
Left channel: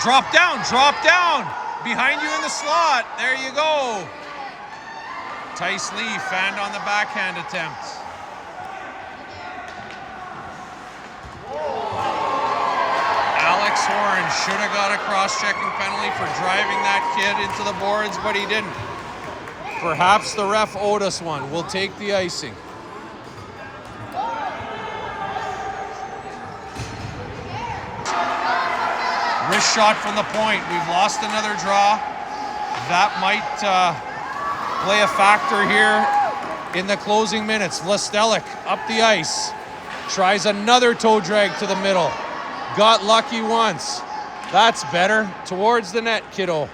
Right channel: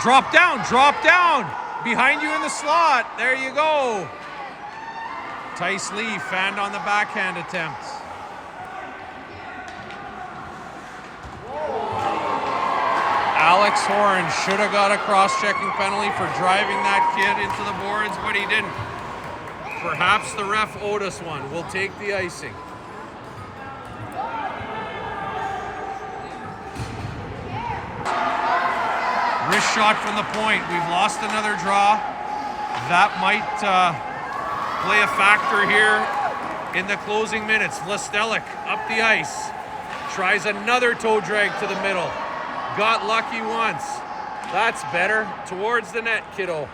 Drop down, drop down. Behind you in the slot. There you go. Tice Lee fanned on the backhand attempt. Alex Horn should have got a cross-checking penalty for driving that kid into the boards, but he didn't. Perhaps the ref owed us one. We'll take the icing. Wrist shot from the point. We've lost another draw. That might play a factor here in the closing minutes. Vlastelik up the ice. Tries another toe drag to the middle. Got lucky once. That's better. Towards the net, kiddo.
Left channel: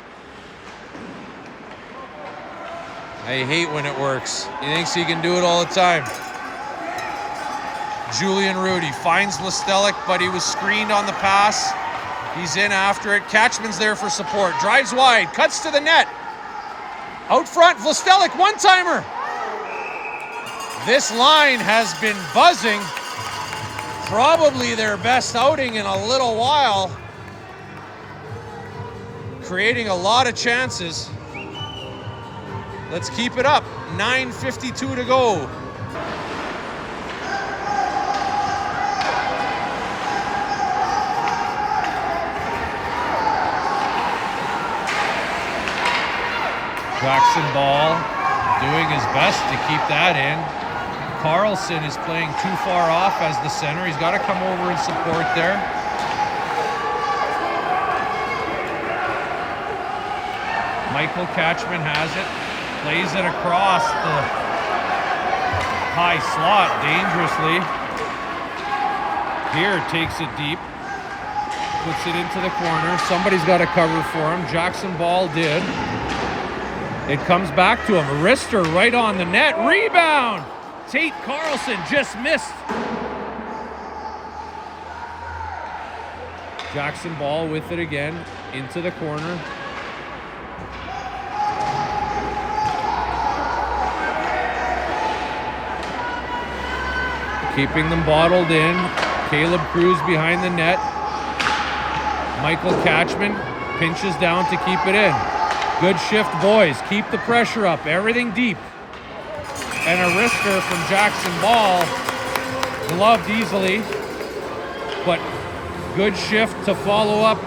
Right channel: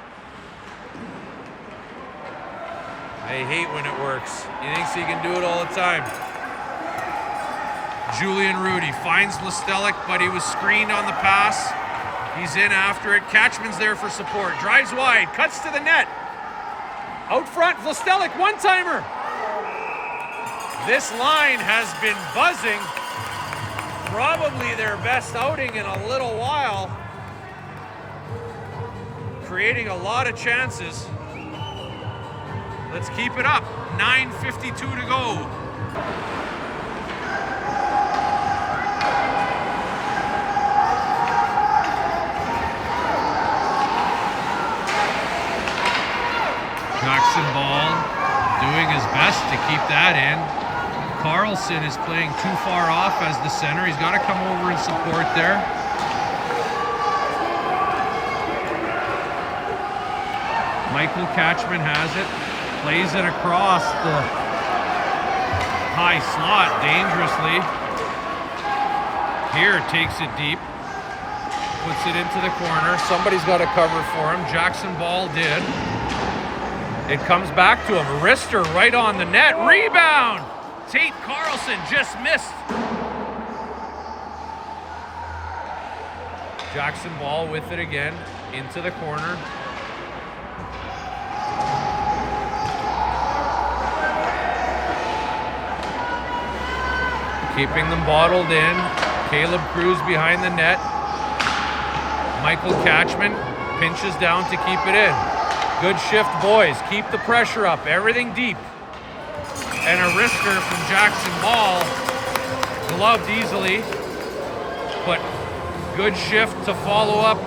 I hate when it works. He thinks he can do it all the time. Julian Rudy finds Vlastelik, but he was screened on the pass. He's in after it. Catchman's there for support. Drives wide. Cuts to the net. Out front, Vlastelik, one-timer. This line has been buzzing. Probably their best outing in a little while. Creating a lot of chances. Let's keep it up. 9:52 to go. Jackson Ball doing his best to keep that in. Carlson is playing too far off as the center. He's got to come over and support there. Michael Catchman has it. Plays it across the high slot dangerously. Here takes it deep. Puts it into the corner. Somebody's got to cover for him. Jackson Ball did. It comes back to him. Wrister right on the net. Rebound! Tate Carlson just missed. Jackson Ball with it again. Into the corner. Keeping them bottled in. Caleb Cruz behind the net. Michael Catchman pinches down to keep it in. Good shift, boys. Keep the pressure up. Everything deep. And a wrister from Jackson Ball. Gloved easily. But good shift to follow up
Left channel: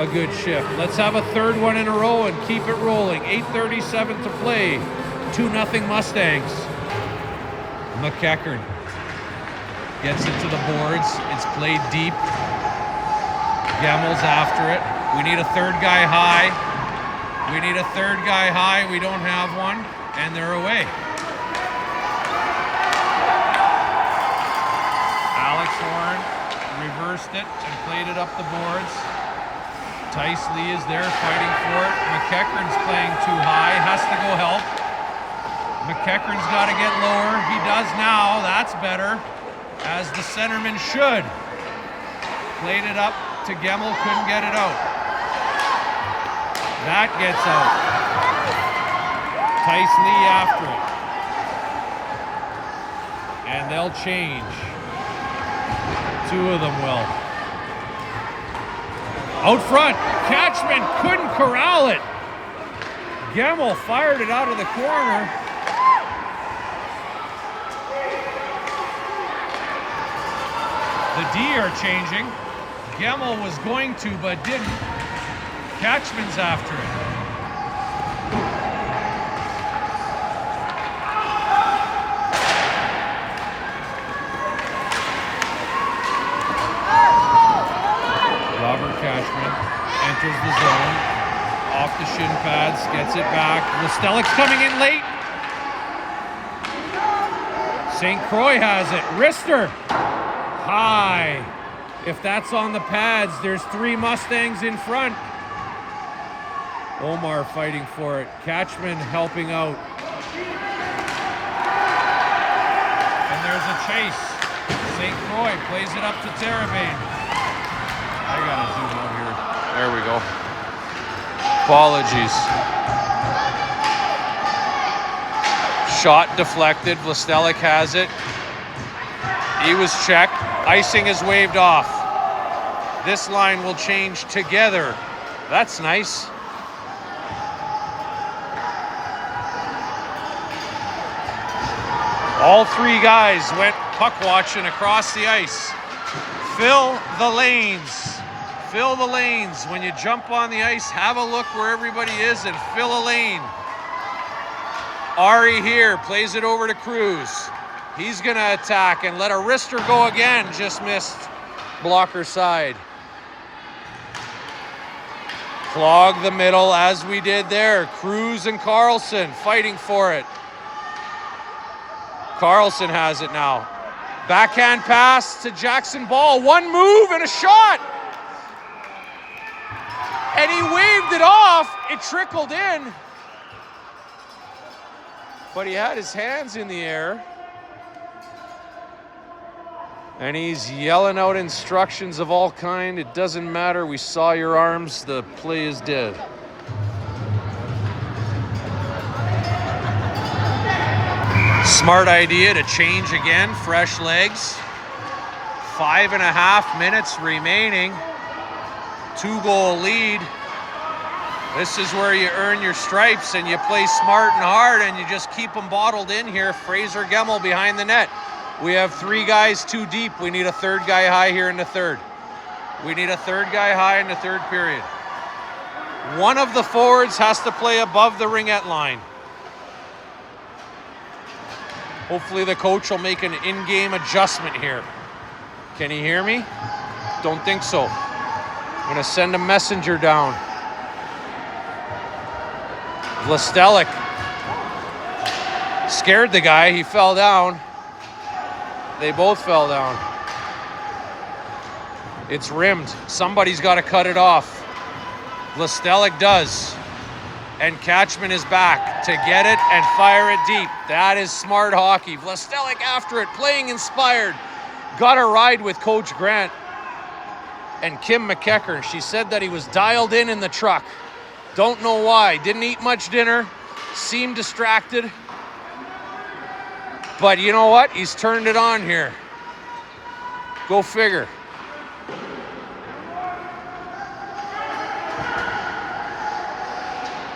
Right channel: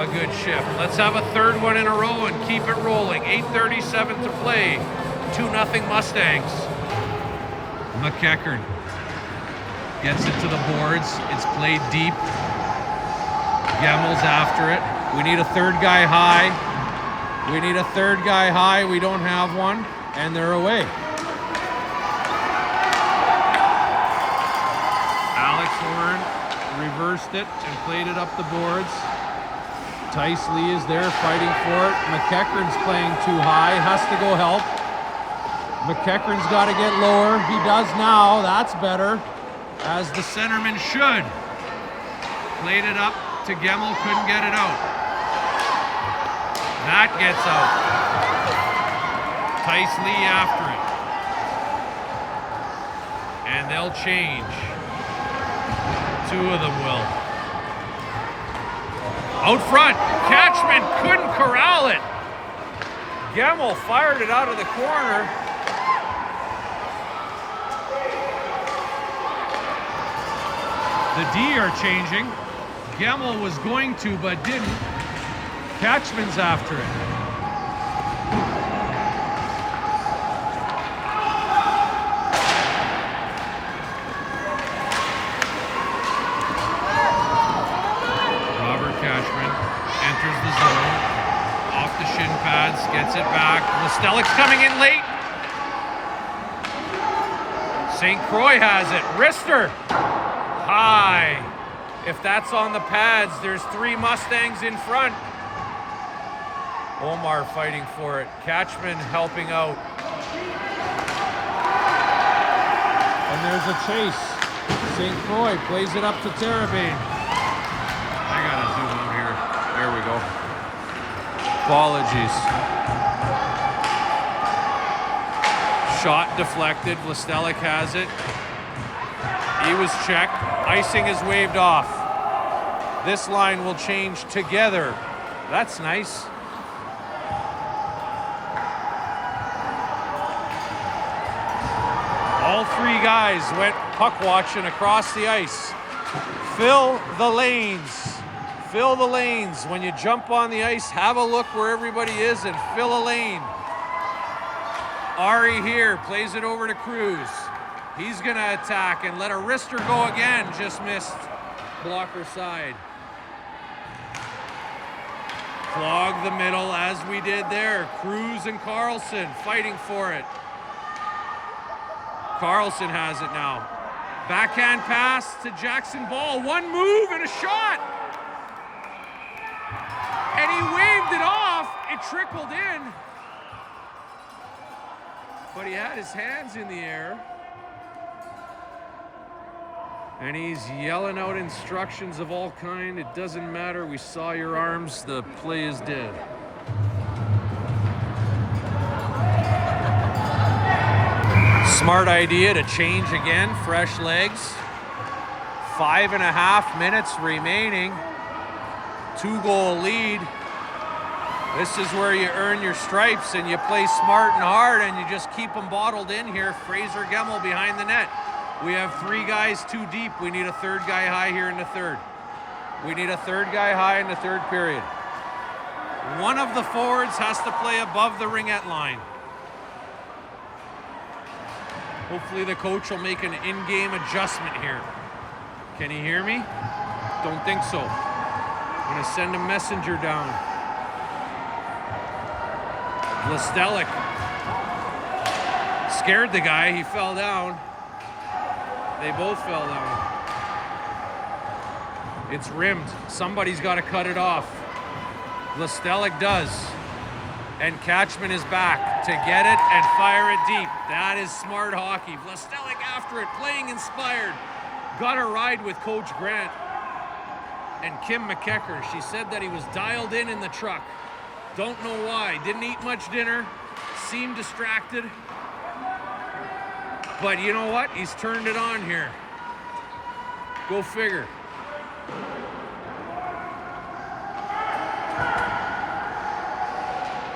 a good shift. Let's have a third one in a row and keep it rolling. 8:37 to play. 2-0 Mustangs. McEachern gets it to the boards. It's played deep. Gemmel's after it. We need a third guy high. We need a third guy high. We don't have one, and they're away. Alex Horn reversed it and played it up the boards. Tice Lee is there fighting for it. McEachern's playing too high, has to go help. McEachern's got to get lower. He does now. That's better, as the centerman should. Played it up to Gemmel, couldn't get it out. That gets out. Tice Lee after it. And they'll change. 2 of them will. Out front, Catchman couldn't corral it. Gemmel fired it out of the corner. The D are changing. Gemmel was going to, but didn't. Catchman's after it. Robert Catchman enters the zone. Off the shin pads, gets it back. Lestelik's coming in late. St. Croix has it. Rister. High. If that's on the pads, there's 3 Mustangs in front. Omar fighting for it. Catchman helping out. And there's a chase. St. Croix plays it up to Terrebonne. I gotta zoom out here. There we go. Apologies. Shot deflected. Lestelik has it. He was checked. Icing is waved off. This line will change together. That's nice. All 3 guys went puck watching across the ice. Fill the lanes. Fill the lanes. When you jump on the ice, have a look where everybody is and fill a lane. Ari here plays it over to Cruz. He's gonna attack and let a wrister go again. Just missed blocker side. Clog the middle as we did there. Cruz and Carlson fighting for it. Carlson has it now. Backhand pass to Jackson Ball. 1 move and a shot. And he waved it off. It trickled in. But he had his hands in the air. And he's yelling out instructions of all kind. It doesn't matter. We saw your arms. The play is dead. Smart idea to change again. Fresh legs. 5.5 minutes remaining. 2-goal lead. This is where you earn your stripes and you play smart and hard and you just keep them bottled in here. Fraser Gemmel behind the net. We have 3 guys too deep. We need a 3rd guy high here in the 3rd. We need a 3rd guy high in the 3rd period. One of the forwards has to play above the ringette line. Hopefully the coach will make an in-game adjustment here. Can he hear me? Don't think so. I'm gonna send a messenger down. Lestelik scared the guy, he fell down. They both fell down. It's rimmed. Somebody's got to cut it off. Lestelik does. And Catchman is back to get it and fire it deep. That is smart hockey. Lestelik after it, playing inspired. Got a ride with Coach Grant and Kim McKeckern. She said that he was dialed in the truck. Don't know why. Didn't eat much dinner. Seemed distracted. But you know what? He's turned it on here. Go figure.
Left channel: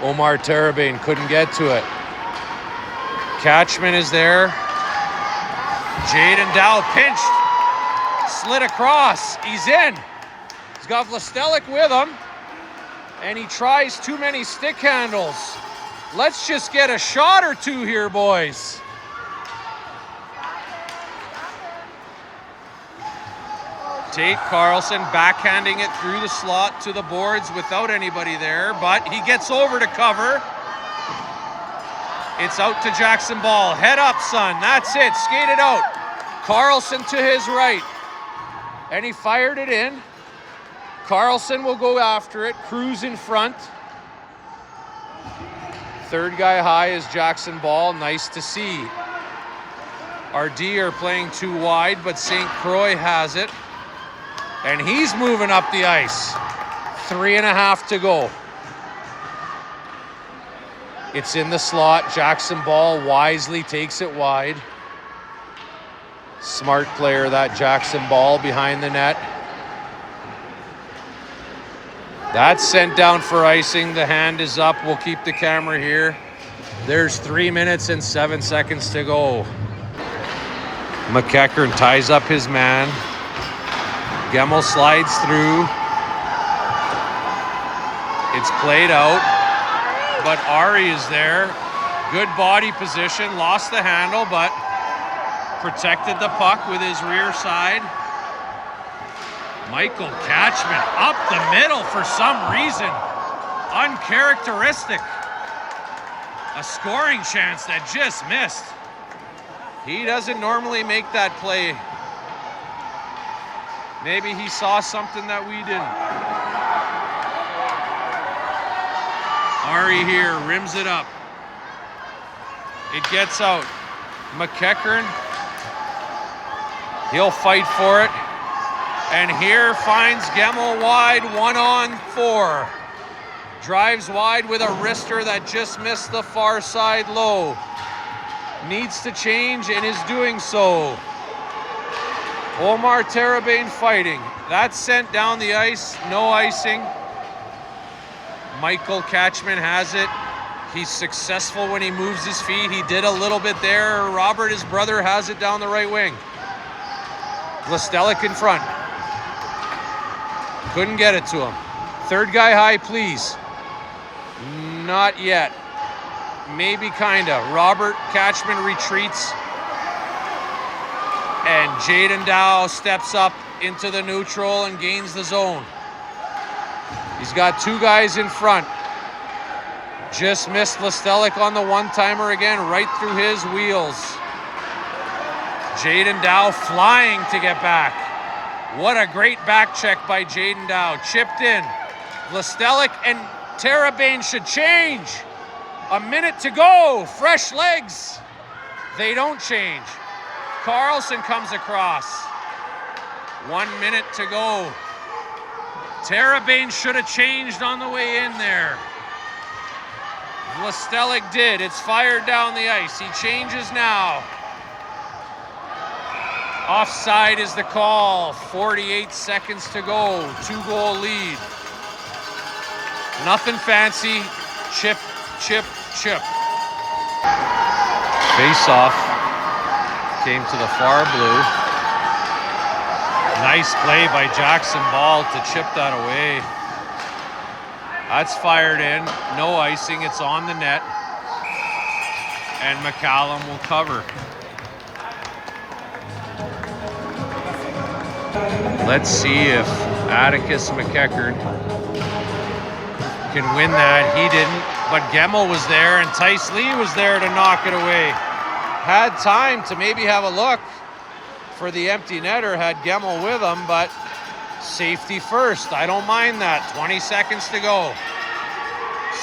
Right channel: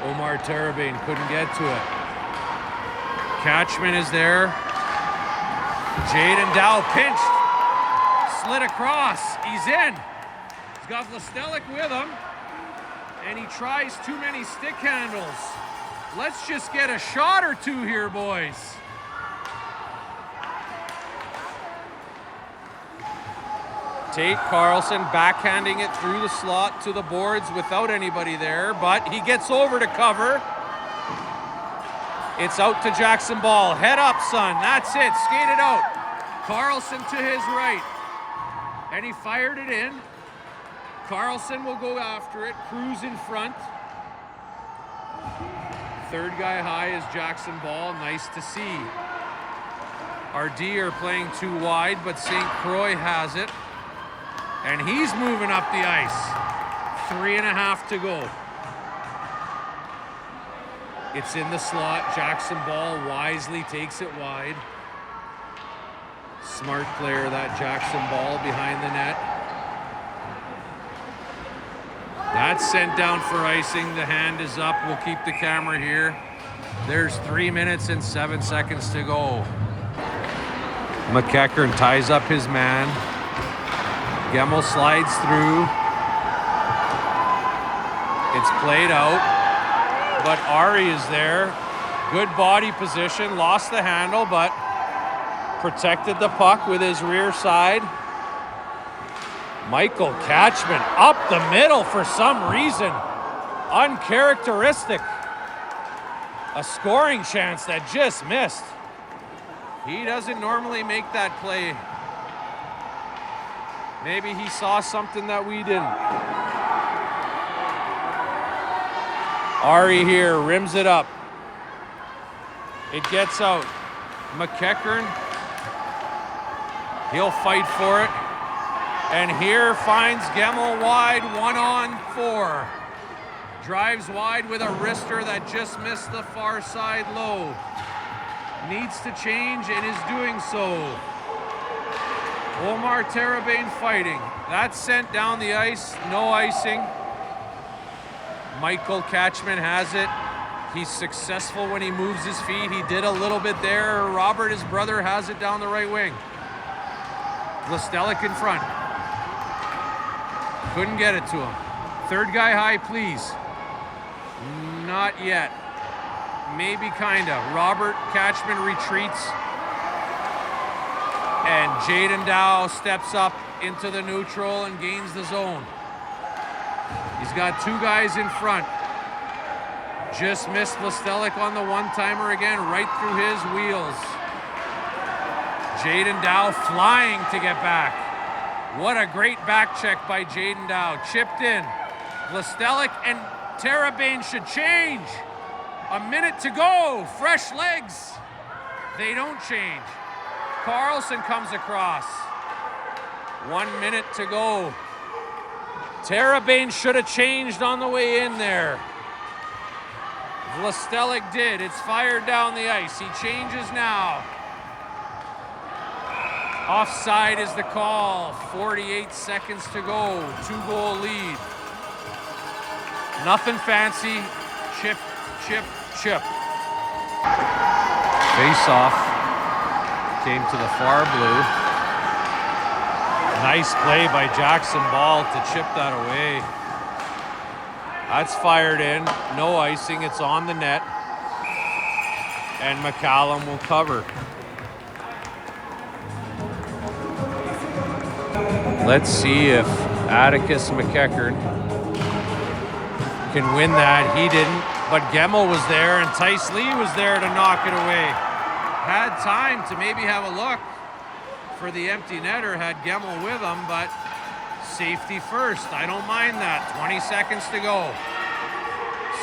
Omar Terrebonne couldn't get to it. Catchman is there. Jaden Dow pinched. Slid across. He's in. He's got Lestelik with him. And he tries too many stick handles. Let's just get a shot or 2 here, boys. Tate Carlson backhanding it through the slot to the boards without anybody there, but he gets over to cover. It's out to Jackson Ball. Head up, son. That's it. Skate it out. Carlson to his right. And he fired it in. Carlson will go after it. Cruz in front. 3rd guy high is Jackson Ball. Nice to see. Our D are playing too wide, but St. Croix has it. And he's moving up the ice. 3.5 to go. It's in the slot. Jackson Ball wisely takes it wide. Smart player, that Jackson Ball behind the net. That's sent down for icing. The hand is up. We'll keep the camera here. There's 3 minutes and 7 seconds to go. McKeckern ties up his man. Gemmel slides through. It's played out, but Ari is there. Good body position, lost the handle, but protected the puck with his rear side. Michael Catchman up the middle for some reason. Uncharacteristic. A scoring chance that just missed. He doesn't normally make that play. Maybe he saw something that we didn't. Ari here rims it up. It gets out. McEachern, he'll fight for it. And here finds Gemmel wide, 1-on-4. Drives wide with a wrister that just missed the far side low. Needs to change and is doing so. Omar Terabane fighting. That's sent down the ice, no icing. Michael Catchman has it. He's successful when he moves his feet. He did a little bit there. Robert, his brother, has it down the right wing. Vlastelic in front. Couldn't get it to him. Third guy high, please. Not yet. Maybe kinda. Robert Catchman retreats. And Jaden Dow steps up into the neutral and gains the zone. He's got two guys in front. Just missed Vlastelic on the one-timer again, right through his wheels. Jaden Dow flying to get back. What a great back check by Jaden Dow. Chipped in. Vlastelic and Terabane should change. A minute to go. Fresh legs. They don't change. Carlson comes across. 1 minute to go. Terabane should have changed on the way in there. Vlastelic did. It's fired down the ice. He changes now. Offside is the call. 48 seconds to go. 2-goal lead. Nothing fancy. Chip, chip, chip. Face-off came to the far blue. Nice play by Jackson Ball to chip that away. That's fired in. No icing. It's on the net. And McCallum will cover. Let's see if Atticus McEachern can win that. He didn't, but Gemmel was there and Tice Lee was there to knock it away. Had time to maybe have a look for the empty netter, had Gemmel with him, but safety first. I don't mind that. 20 seconds to go.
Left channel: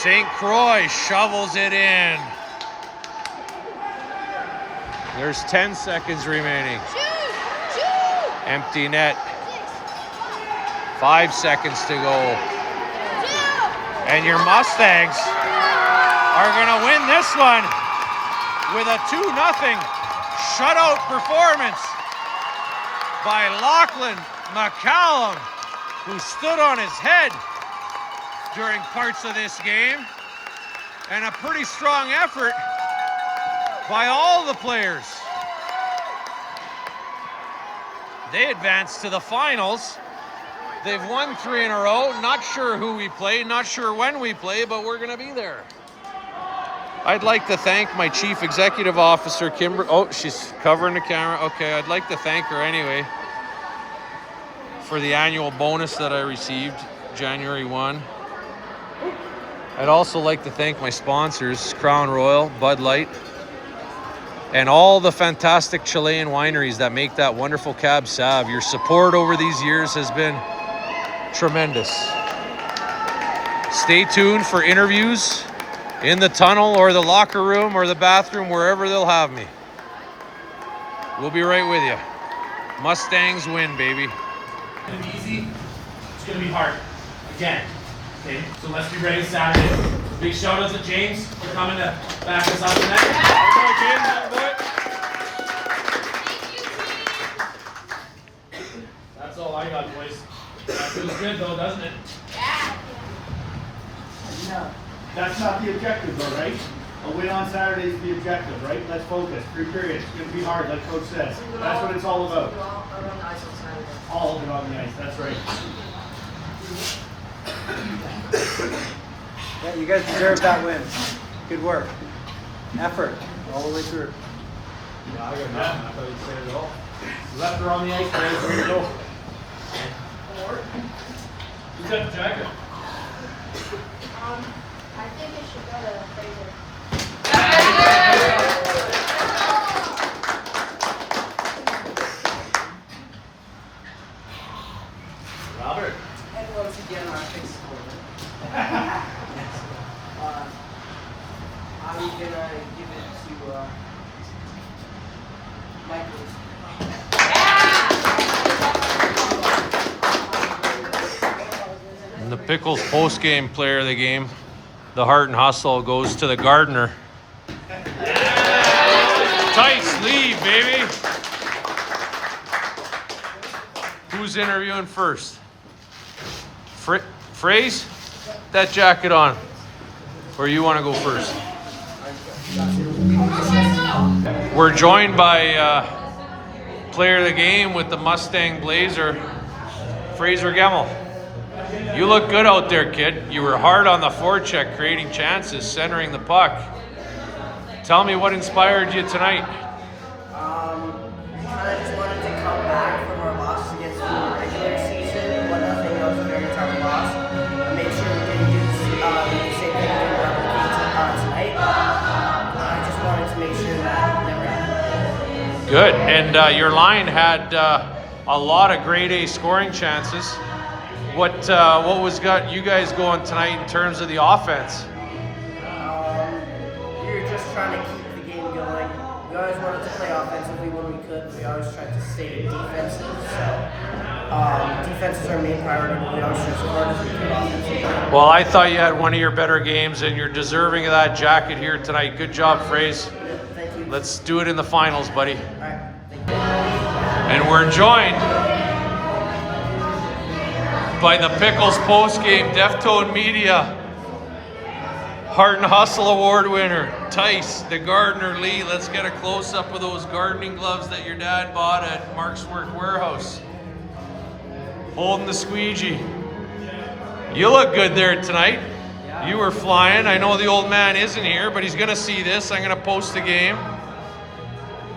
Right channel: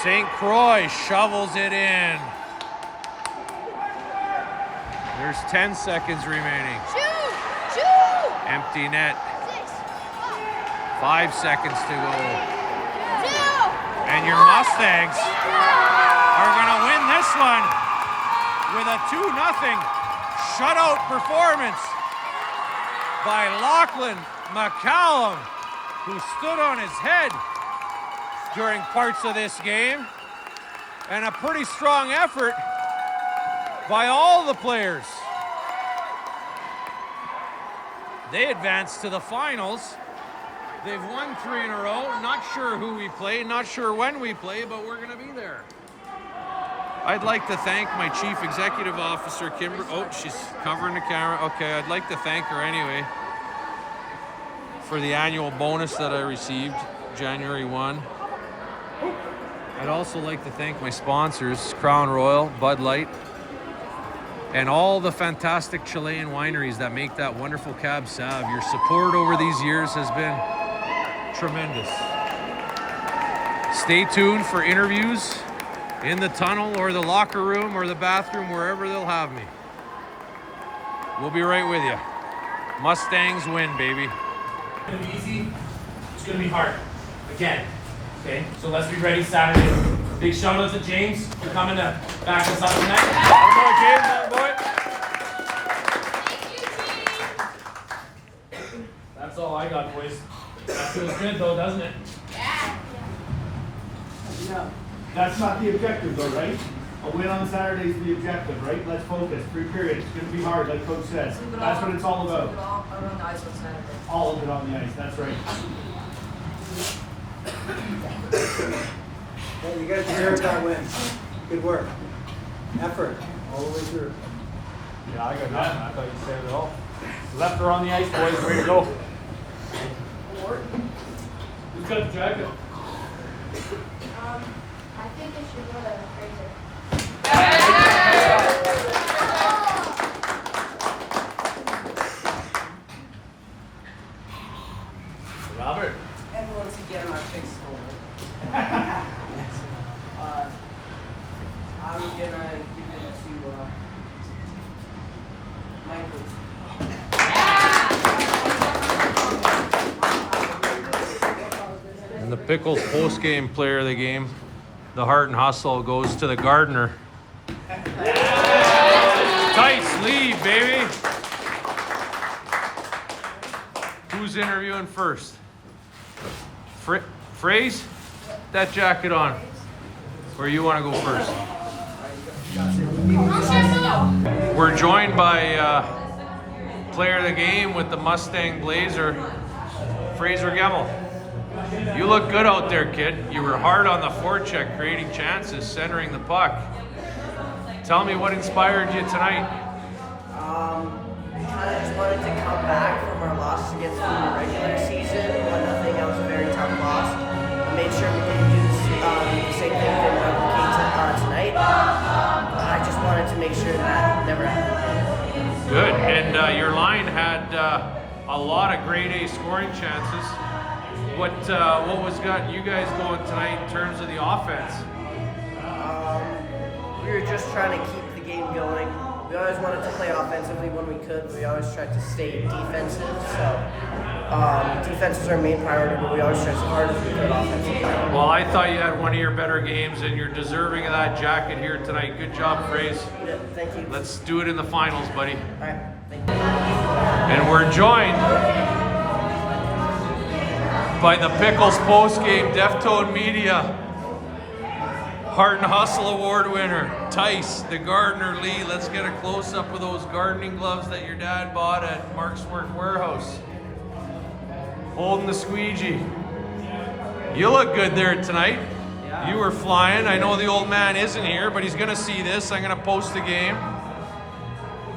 St. Croix shovels it in. There's 10 seconds remaining. Empty net. 5 seconds to go. And your Mustangs are gonna win this one with a 2-0 shutout performance by Lachlan McCallum, who stood on his head during parts of this game, and a pretty strong effort by all the players. They advanced to the finals. They've won 3 in a row. Not sure who we play, not sure when we play, but we're gonna be there. I'd like to thank my Chief Executive Officer, Kimber. Oh, she's covering the camera. Okay, I'd like to thank her anyway for the annual bonus that I received January 1. I'd also like to thank my sponsors, Crown Royal, Bud Light, and all the fantastic Chilean wineries that make that wonderful Cab Sauv. Your support over these years has been tremendous. Stay tuned for interviews in the tunnel or the locker room or the bathroom, wherever they'll have me. We'll be right with you. Mustangs win, baby. It's gonna be easy. It's gonna be hard. Again. Okay? So let's be ready Saturday. Big shout out to James for coming to back us up tonight. That's all I got, boys. That feels good though, doesn't it? Yeah. No, that's not the objective though, right? A win on Saturday is the objective, right? Let's focus. 3 periods. It's going to be hard, like Coach says. That's what it's all about. all of it on the ice. That's right. Yeah, you guys deserve that win. Good work. Effort all the way through. Yeah, I got that. I thought you said it all. Left her on the ice, boys. Ready to go. Who's got the jacket? I think it should go to Fraser. Robert. And once again, my big score. I'm gonna give it to Michael. And the Pickles post-game player of the game, the Heart and Hustle, goes to the gardener. Tice lead, baby. Who's interviewing first? Phrase? That jacket on. Or you want to go first? We're joined by player of the game with the Mustang Blazer, Fraser Gemmel. You look good out there, kid. You were hard on the forecheck, creating chances, centering the puck. Tell me what inspired you tonight. Kind of just wanted to come back from our loss against them in the regular season. 1-0, it was a very tough loss. I made sure we didn't do the same thing didn't replicate tonight. I just wanted to make sure that never happened again. Good. And your line had a lot of grade A scoring chances. What was got you guys going tonight in terms of the offense? We were just trying to keep the game going. We always wanted to play offensively when we could, but we always tried to stay defensive. So defense is our main priority, but we always tried as hard as we could offensively. Well, I thought you had one of your better games, and you're deserving of that jacket here tonight. Good job, Phrase. Yeah, thank you. Let's do it in the finals, buddy. All right, thank you. And we're joined by the Pickles post-game Deftone Media Heart and Hustle Award winner, Tice, the gardener Lee. Let's get a close-up of those gardening gloves that your dad bought at Mark's Work Warehouse. Holding the squeegee. You look good there tonight. Yeah. You were flying. I know the old man isn't here, but he's gonna see this. I'm gonna post the game.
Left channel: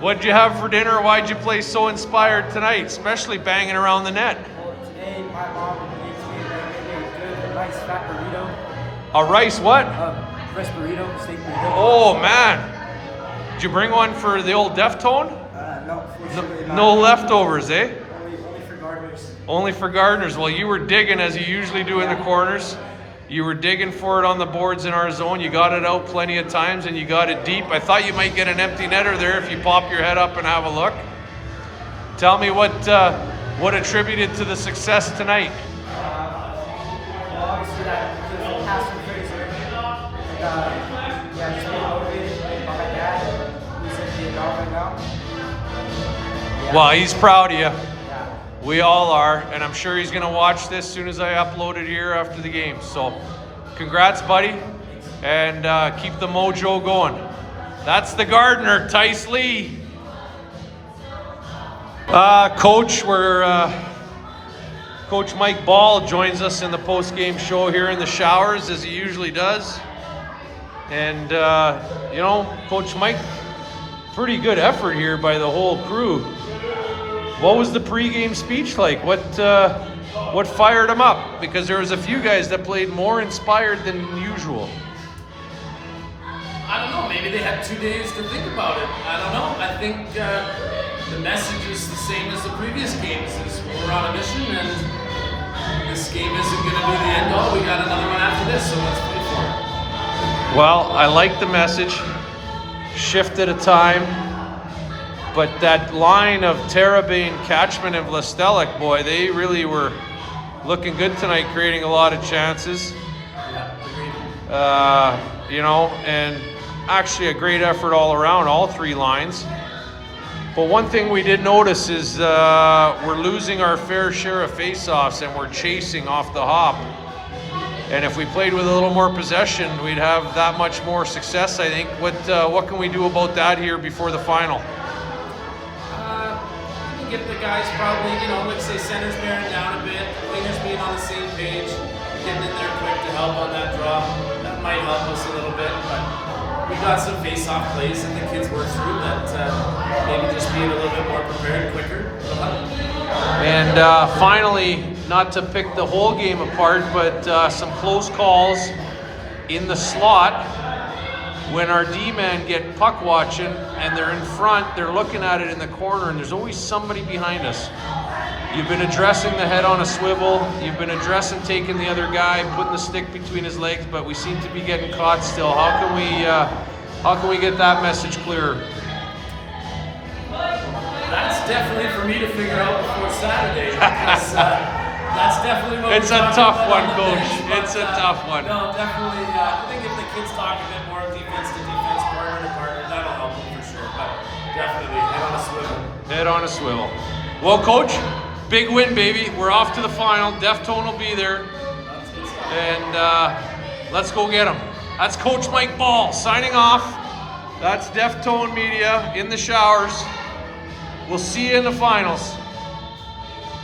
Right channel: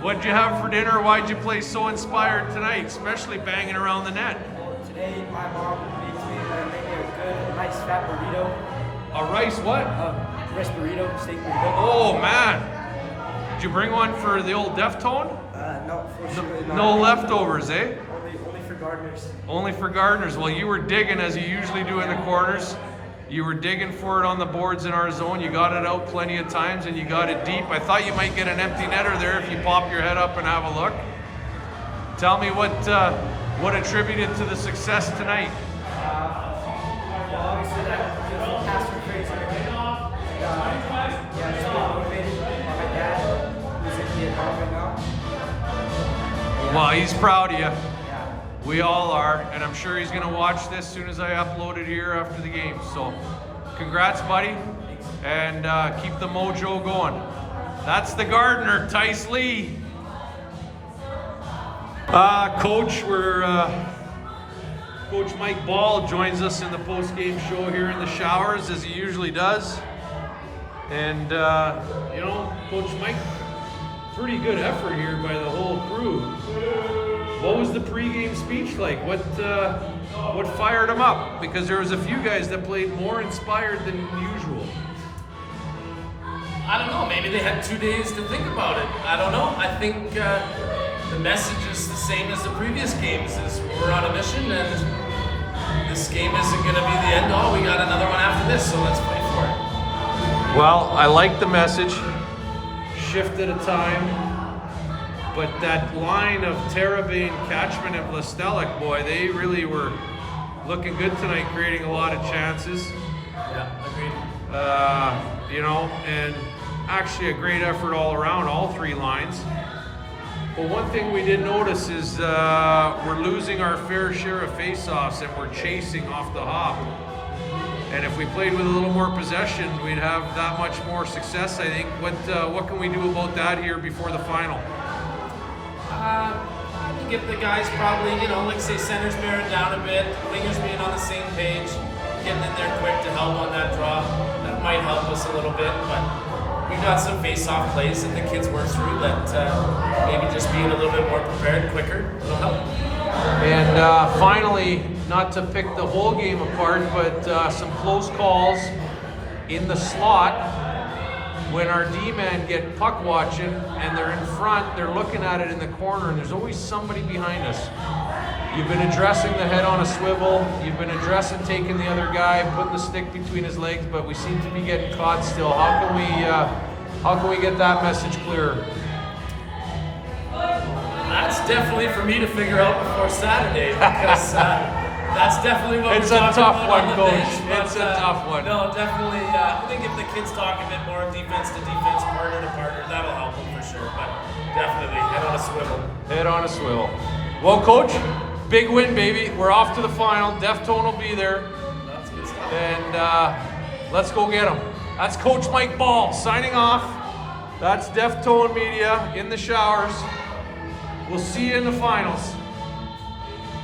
What'd you have for dinner? Why'd you play so inspired tonight, especially banging around the net? Well, today my mom made me a good rice fat burrito. A rice what? Rice burrito, steak burrito. Oh man. Did you bring one for the old Deftone? No, for sure not. No leftovers, eh? Only for gardeners. Only for gardeners. Well, you were digging as you usually do in the corners. You were digging for it on the boards in our zone. You got it out plenty of times and you got it deep. I thought you might get an empty netter there if you pop your head up and have a look. Tell me what attributed to the success tonight. Well, obviously that was a pass from Fraser. And yeah, just being motivated by my dad, who's in Vietnam right now. Yeah. Well, he's proud of you. Yeah. We all are, and I'm sure he's gonna watch this as soon as I upload it here after the game. So, congrats, buddy, and keep the mojo going. That's the gardener, Tice Lee. Coach, Coach Mike Ball joins us in the post-game show here in the showers, as he usually does. And you know, Coach Mike, pretty good effort here by the whole crew. What was the pre-game speech like? What fired them up? Because there was a few guys that played more inspired than usual. I don't know. Maybe they had 2 days to think about it. I don't know. I think the message is the same as the previous games. Is we're on a mission, and this game isn't going to be the end all. We got another one after this, so let's play for it. Well, I like the message. Shift at a time. But that line of Terabane, Catchman, and Vlastelic, boy, they really were looking good tonight, creating a lot of chances. Yeah, agreed. You know, and actually a great effort all around, all three lines. But one thing we did notice is we're losing our fair share of face-offs and we're chasing off the hop. And if we played with a little more possession, we'd have that much more success, I think. What can we do about that here before the final? I mean, get the guys probably, like say centers bearing down a bit, wingers being on the same page, getting in there quick to help on that drop. That might help us a little bit, but we got some face-off plays that the kids work through that maybe just being a little bit more prepared, quicker, will help. And finally, not to pick the whole game apart, but some close calls in the slot when our D-man get puck watching and they're in front, they're looking at it in the corner, and there's always somebody behind us. You've been addressing the head on a swivel, you've been addressing taking the other guy, putting the stick between his legs, but we seem to be getting caught still. How can we get that message clearer? That's definitely for me to figure out before Saturday, because that's definitely what It's we're a talking tough about one, on the Coach. bench, but, It's a tough one. No, definitely. I think if the kids talk a bit more defense to defense, partner to partner, that'll help them for sure. But definitely, head on a swivel. Head on a swivel. Well, Coach, big win, baby. We're off to the final. Deftone will be there. That's good stuff. And let's go get them. That's Coach Mike Ball signing off. That's Deftone Media in the showers. We'll see you in the finals.